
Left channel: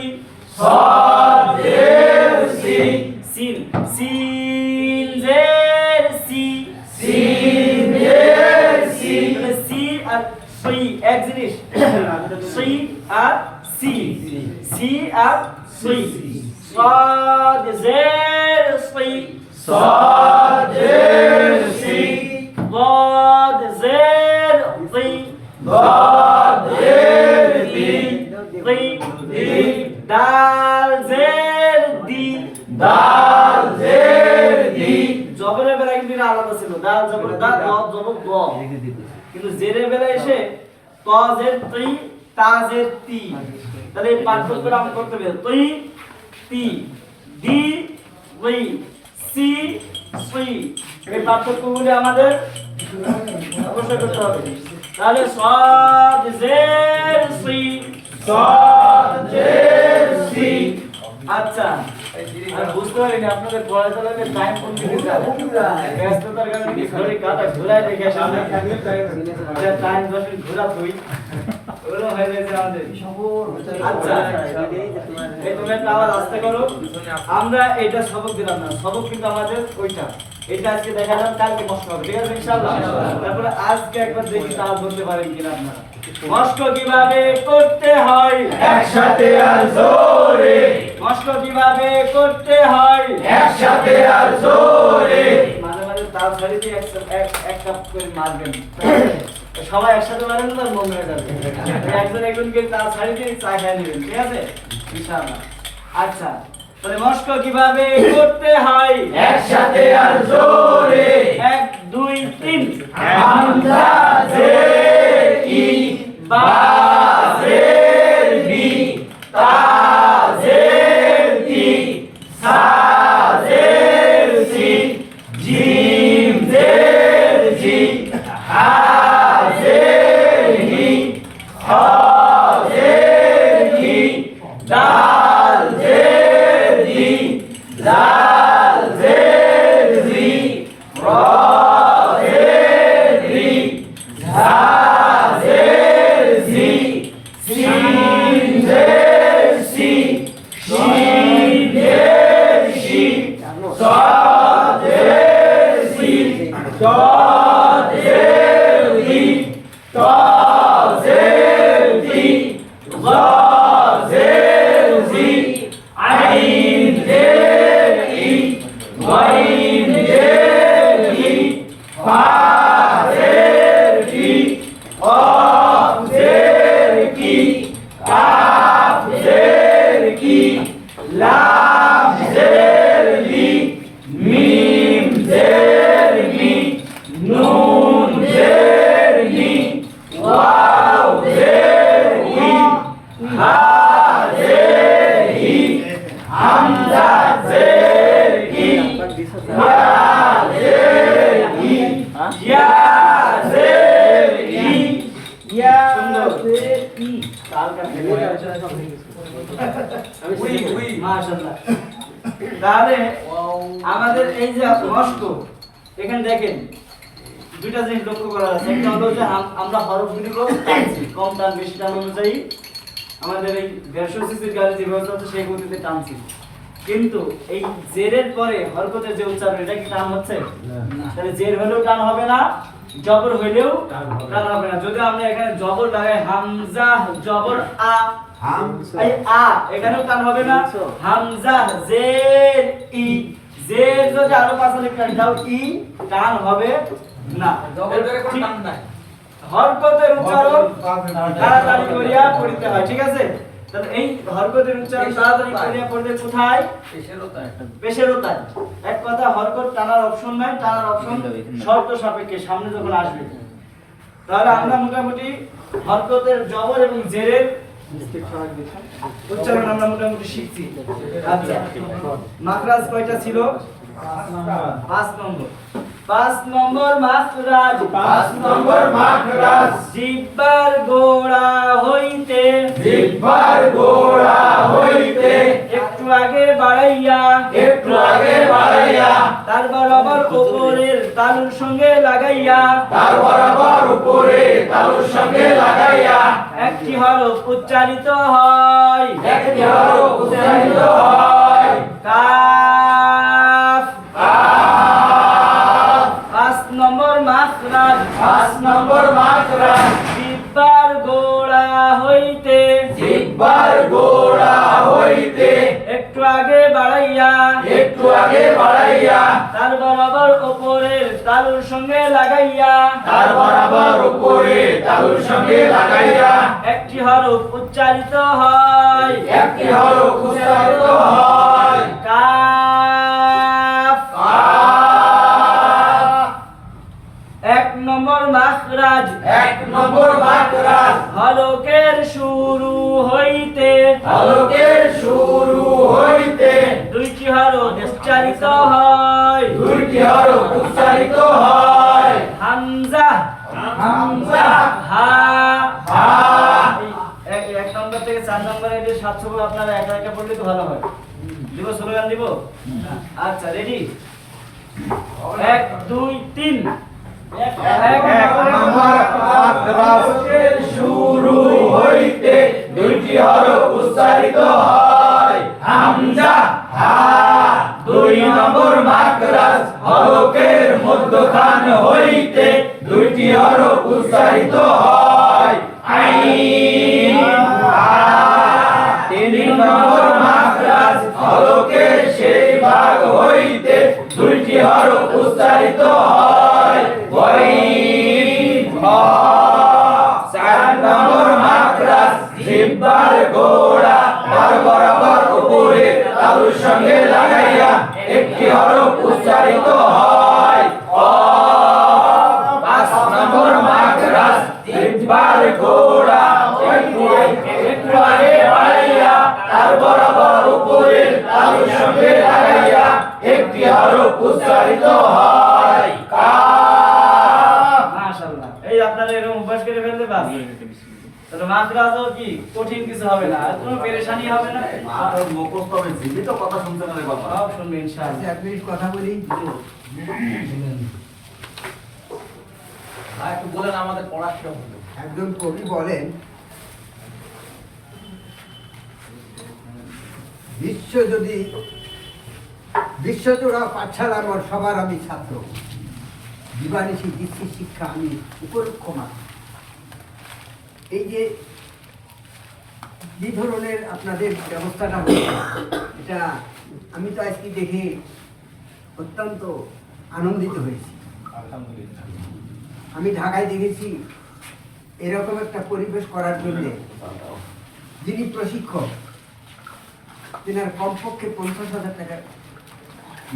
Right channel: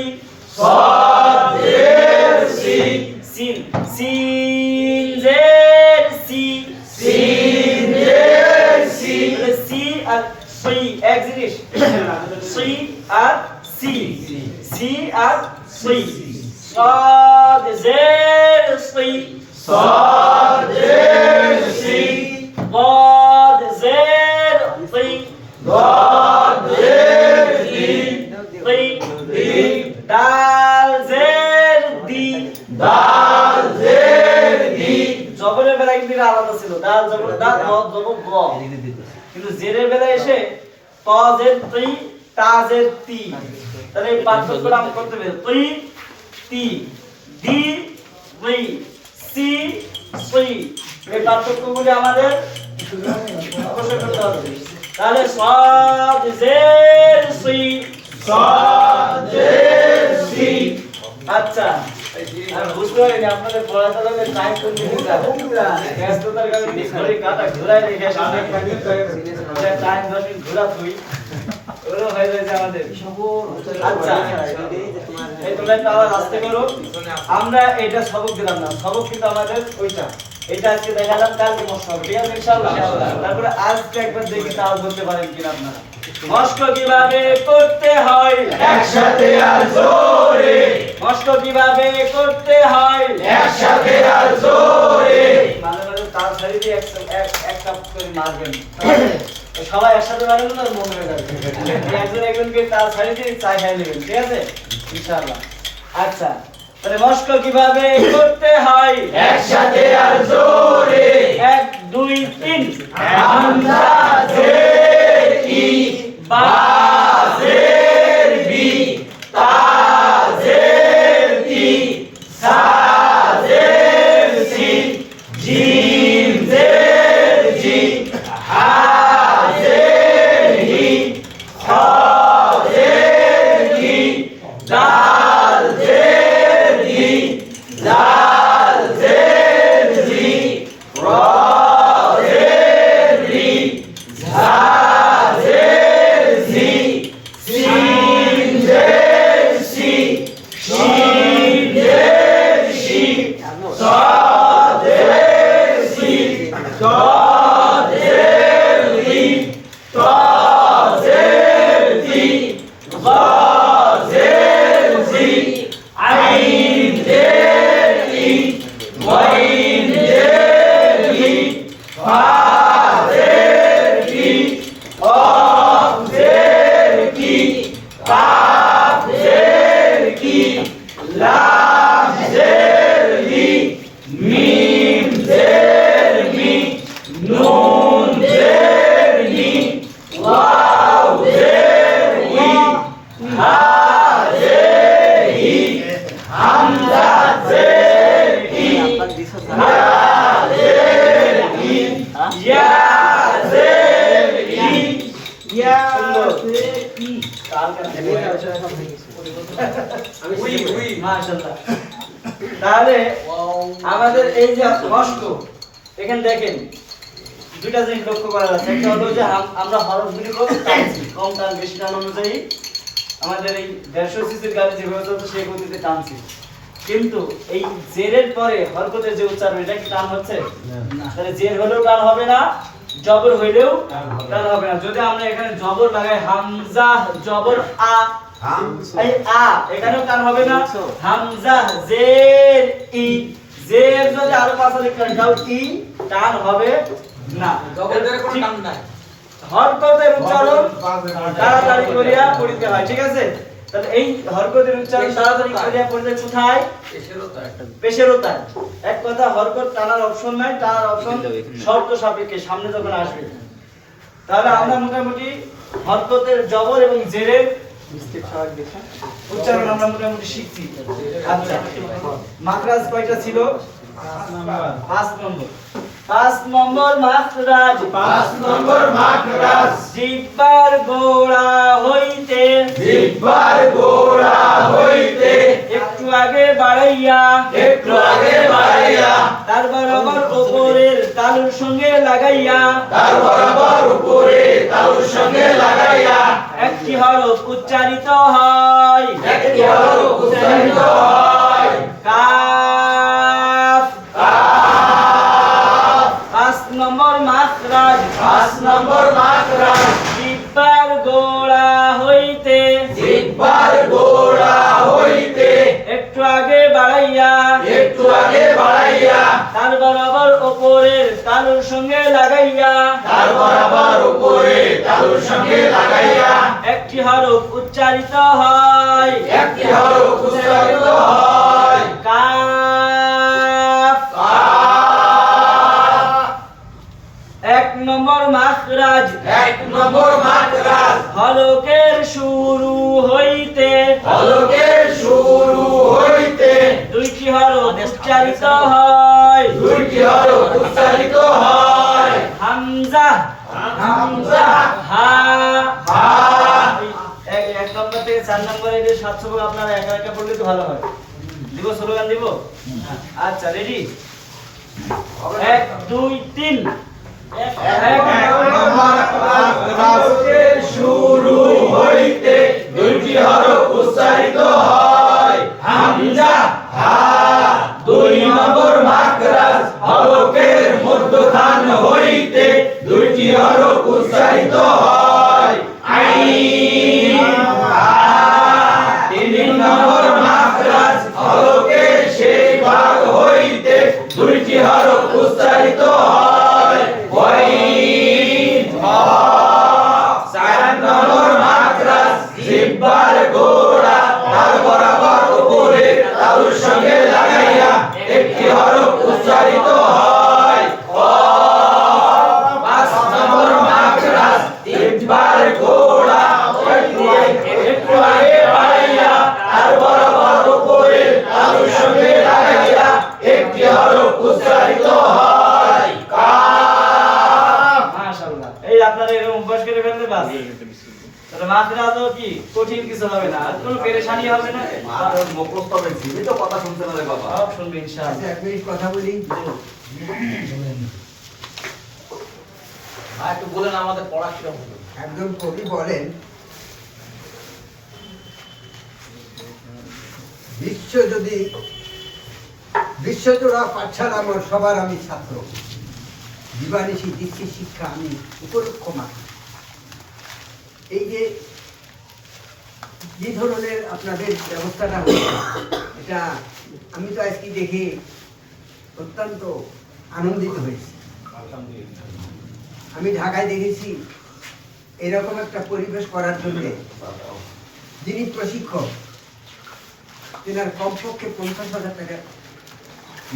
سين سين زير سي سي আর সি এক জিনিস সি আর সি সি আর সি صاد زير صي ضاد زير طي দাল জের দি জবরের বেলায় কিন্তু এটা আলাদা ছিল, দাল জবর দা র জবর গ, কিন্তু জেরের বেলায় এসে ত জের তি তা জের তি, তাহলে এই পার্থক্যটা আমরা করতে হবে। তি তি দি রি সি সি, এই পার্থক্যগুলি আমাদের অবশ্যই করতে হবে। তাহলে সাদ জের সি আচ্ছা, আর বুঝতে পারিনি আপনাদের পড়াশোনার টাইম কোন দিকে যাবে, ব্যস্ততার কারণে ঘড়ি কাটা ঘোরায় রেখে সামনে টাইম দশমিক ঘোরা তুই ওরও হয়ে যাচ্ছে আমাদের। আচ্ছা এই তোমরা একটু আওয়াজ আস্তে করো। আমরা এটা সবক দিলাম না, সবক কিন্তু আমাদের ওইটা, এটা আজকে দেখালাম, কালকে মস্ক হবে, ঠিক আছে ইনশাআল্লাহ। তারপরে আজকে একবার দেখি তাও বলতে পারেন কিনা আপনারা। মস্ক কিভাবে করতে হয় একসাথে আর জোরে, মস্ক কিভাবে করতে হয় একসাথে আর জোরে, মাঝে মাঝে তাল ছাড়ি দিয়ে এক কাপ করে মারবেন। সবাই একসাথে পারেন না মন হয়ে যাবে একজন একজনকে তার ছাড়ি দিয়ে চা খাই নেবেন ঠিক আছে ইনশাআল্লাহ আচ্ছা তাহলে মস্ক কিভাবে করতে হয় একসাথে আর জোরে 1 2 3 হামজা জের ই বা বা জের বি তা জের তি সা জের সি জিম জের জি হা জের হি খ জের হি দাল জের দি দাল জের জি র জের রি ঝা জের ঝি সিন জের সি শিন জের শি স জের সি দ জের দি ত জের দি গ জের জি আইন জের ই গইন জের ই ফা জের কি কফ জের কি কাফ জের কি লাম জের লি মিম জের মি নুন জের নি ওয়াও জের ই হা জের ই হামজা জের ই হা জের ই ইয়া জের ই ইয়া জের ই মাশাআল্লাহ তাহলে আমাদের এই যে মস্ক এখানে দেখেন দুইটা জিনিস লক্ষ্য করা যাচ্ছে একটা হলো যে আমরা হরফগুলি টানছি কম টান বেশি টান অনুযায়ী আমাদের এই 150 সিসির গাড়ি যেভাবে চলছে সেই গতিতে টানছি কিন্তু এই জেরের পরে হরকতের যে উচ্চারণ এটা কি টান হচ্ছে না তাহলে জের হলেও টান হবে না জবর হইলেও টান হবে না যদি আমরা এখানে জবর লাগাই হামজা জবর আ এই আ এখানেও টান হবে না হামজা জের ই জের যদি আরো পাশে লিখতে দাও ই টান হবে না জবরের কোনো টান নাই হরকতের উচ্চারণ তাড়াতাড়ি করিয়া পড়িতে হয় ঠিক আছে তাহলে এই হরকতের উচ্চারণ তাড়াতাড়ি করিয়া পড়তে কোথায় পেশেরোতায় এক কথা হরকত টানার অপশন নাই টানার অপশন শর্ত সাপেক্ষে সামনে যখন আসবে তাহলে আমরা মোটামুটি হরকতের জবর এবং জেরের উচ্চারণ আমরা মোটামুটি শিখছি আচ্ছা মাখরাজ কয়টা ছিল 5 নম্বর মাখরাজ 5 নম্বর মাখরাজ জিহ্বার গোড়া হইতে জিহ্বার গোড়া হইতে একটু আগে বাড়াইয়া একটু আগে বাড়াইয়া তার বরাবর উপরের তালুর সঙ্গে লাগাইয়া তার বরাবর উপরে তালুর সঙ্গে লাগাইয়া একটি হরফ উচ্চারিত হয় একটি হরফ উচ্চারিত হয় কাফ কাফ 5 নম্বর মাখরাজ 5 নম্বর মাখরাজ জিহ্বার গোড়া হইতে জিহ্বার গোড়া হইতে একটু আগে বাড়াইয়া একটু আগে বাড়াইয়া তার বরাবর উপরের তালুর সঙ্গে লাগাইয়া তার বরাবর উপরে তালুর সঙ্গে লাগাইয়া একটি হরফ উচ্চারিত হয় একটি হরফ উচ্চারিত হয় কাফ কাফ 1 নম্বর মাখরাজ 1 নম্বর মাখরাজ হলকের শুরু হইতে হলকের শুরু হইতে দুইটি হরফ উচ্চারিত হয় দুইটি হরফ উচ্চারিত হয় হামজা হামজা হা হা 1 নম্বর থেকে 4 নম্বর এই 700 আপনারা একা একা পড়লে তো ভালো হয় দিব স্লোগান দিব আচ্ছা রেডি 1 2 3 হলকের শুরু হইতে দুইটি হরফ উচ্চারিত হয় হামজা হা 2 নম্বর মাখরাজ হলকের মধ্যখান হইতে দুইটি হরফ উচ্চারিত হয় আইন হা 3 নম্বর মাখরাজ হলকের সেই ভাগ হইতে দুইটি হরফ উচ্চারিত হয় ওয়াইন হা উপরে তালুর সঙ্গে লাগাইয়া একটি হরফ উচ্চারিত হয় অ। 5 নম্বর মাখরাজ 3 বার ঘোড়া একটু আগে বাড়াইয়া আর বরাবর উপরে তালুর সঙ্গে লাগাইয়া একটি হরফ উচ্চারিত হয় কাফ। মাশাআল্লাহ। এই আপনারা এরকম অভ্যাস করে ফেললে বাস তাহলে মাখরাজও কি কঠিন কিছু হবে না, আর কোনো পেরেশানি হবে না, মুখস্থ হবে জীবিত কথা শুনতে না রে বাবা। সব শুনবে ইনশাআল্লাহ। এক মিনিট কথা বলি। একটু বলেন আমাদের পড়া কিরকম হলো? একজন কবি বলেন, বিশ্বজোড়া পাঠশালা মোর সবার আমি ছাত্র, দিবানিশি দিচ্ছি শিক্ষা আমি উপলক্ষ মাত্র। এই যে কি ধরনের আপনাদের ব্যবস্থাটা হয়েছে, এটা আমি তো আজকে দেখে অত্যন্ত আনন্দিত হয়েছি। আমি ঢাকায় দেখেছি এরকম একটা পরিবেশ করার জন্য যিনি প্রশিক্ষক তেনার কমপক্ষে 50,000 টাকা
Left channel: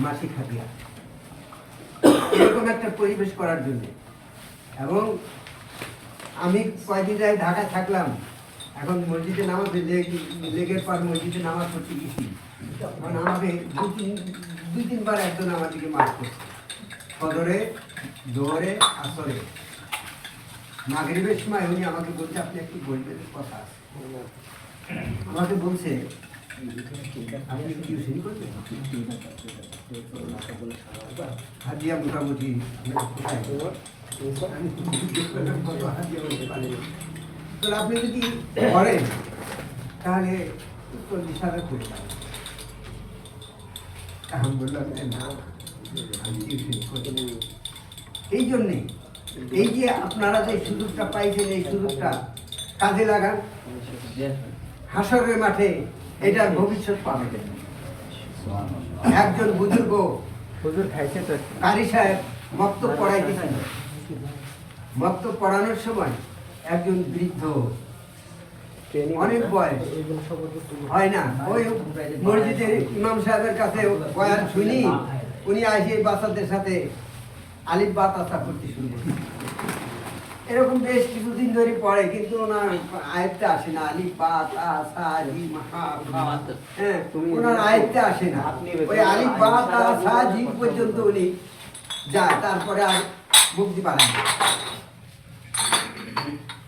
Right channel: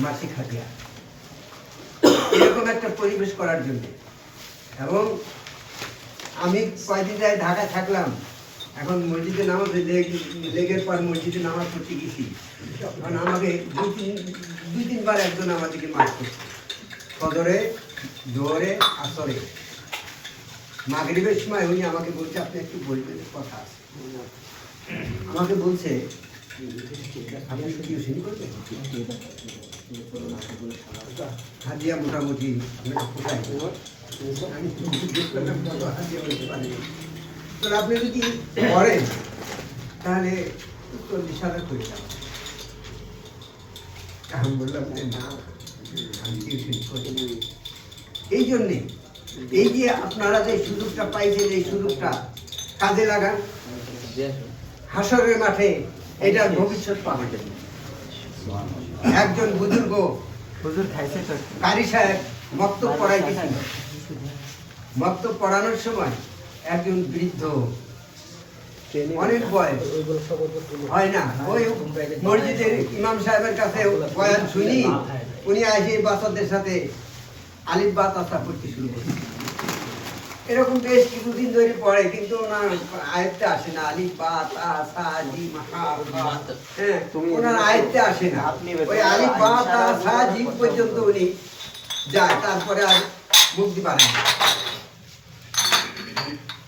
মাসিক হাজিরা, এরকম একটা পরিবেশ করার জন্য। এবং আমি কয়দিন আগে ঢাকায় থাকলাম, এখন মসজিদে নামাজ লেগের পর মসজিদে নামাজ পড়তে গেছি, তখন আমাকে দুই তিনবার একজন আমাদেরকে মাফ করছে, ফজরে, জোহরে, আসরে, মাগরিবের সময় উনি আমাকে বলছে আপনি একটু বলবেন কথা আছে। আমাকে বলছে আমি টিউশন করবেন, হাজিয়া মোটামুটি আপনি যদি করেন তাহলে 40,000 করে যাবেন। এখন বললাম না, আমি টিউশন করি। এই জন্যে এই যে আপনারা যে সুযোগটা পাইছেন, এই সুযোগটা কাজে লাগান, হাসরের মাঠে এটার ভবিষ্যৎ পাবেন। একজন বুজুর্গ কারি সাহেব বক্তব্য পড়াইতেছিল, বক্তব্য পড়ানোর সময় একজন বৃদ্ধ, অনেক বয়স হয় না, ওই মসজিদের ইমাম সাহেবের কাছে বয়ান শুনি উনি আসে বাচ্চাদের সাথে আলিফ বা তাসা পড়তে শুরু করে। এরকম বেশ কিছুদিন ধরে পড়ে, কিন্তু ওনার আয়ত্তে আসে না, আলিফ বা তা সা জিম হা ফা, হ্যাঁ ওনার আয়ত্তে আসে না। ওই আলিফ বা তা সা জিম পর্যন্ত উনি যায়, তারপরে আর মুক্তি পায় না।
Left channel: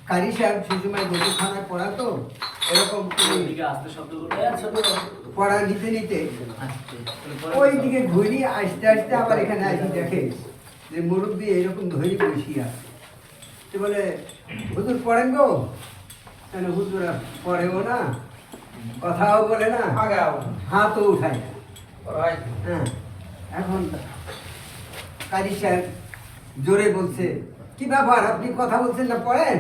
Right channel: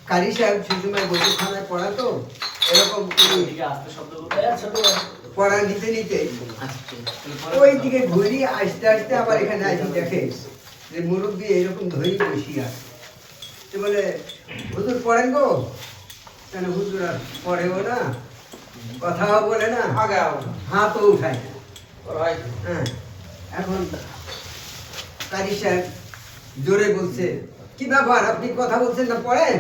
কারি সাহেব সেই সময় বকুখানায় পড়াতো, এরকম পড়া নিতে নিতে ওই দিকে ঘুরি আসতে আসতে আবার এখানে আসি, দেখে যে মুরব্বী এরকম ধরে বসিয়া আছে। বলে হুজুর পড়েন গো? তাহলে হুজুর আর পড়েও না, কথাও বলে না, হাতও উঠায় না। হ্যাঁ, এখন কারি সাহেব জোরে বলছে, কি ব্যাপার আপনি কথা বলছেন না, পড়েন?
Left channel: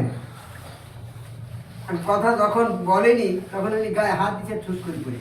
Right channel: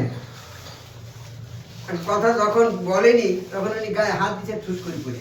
কথা যখন বলেনি তখন উনি গায়ে হাত দিচ্ছে, ঠুস করে পড়ে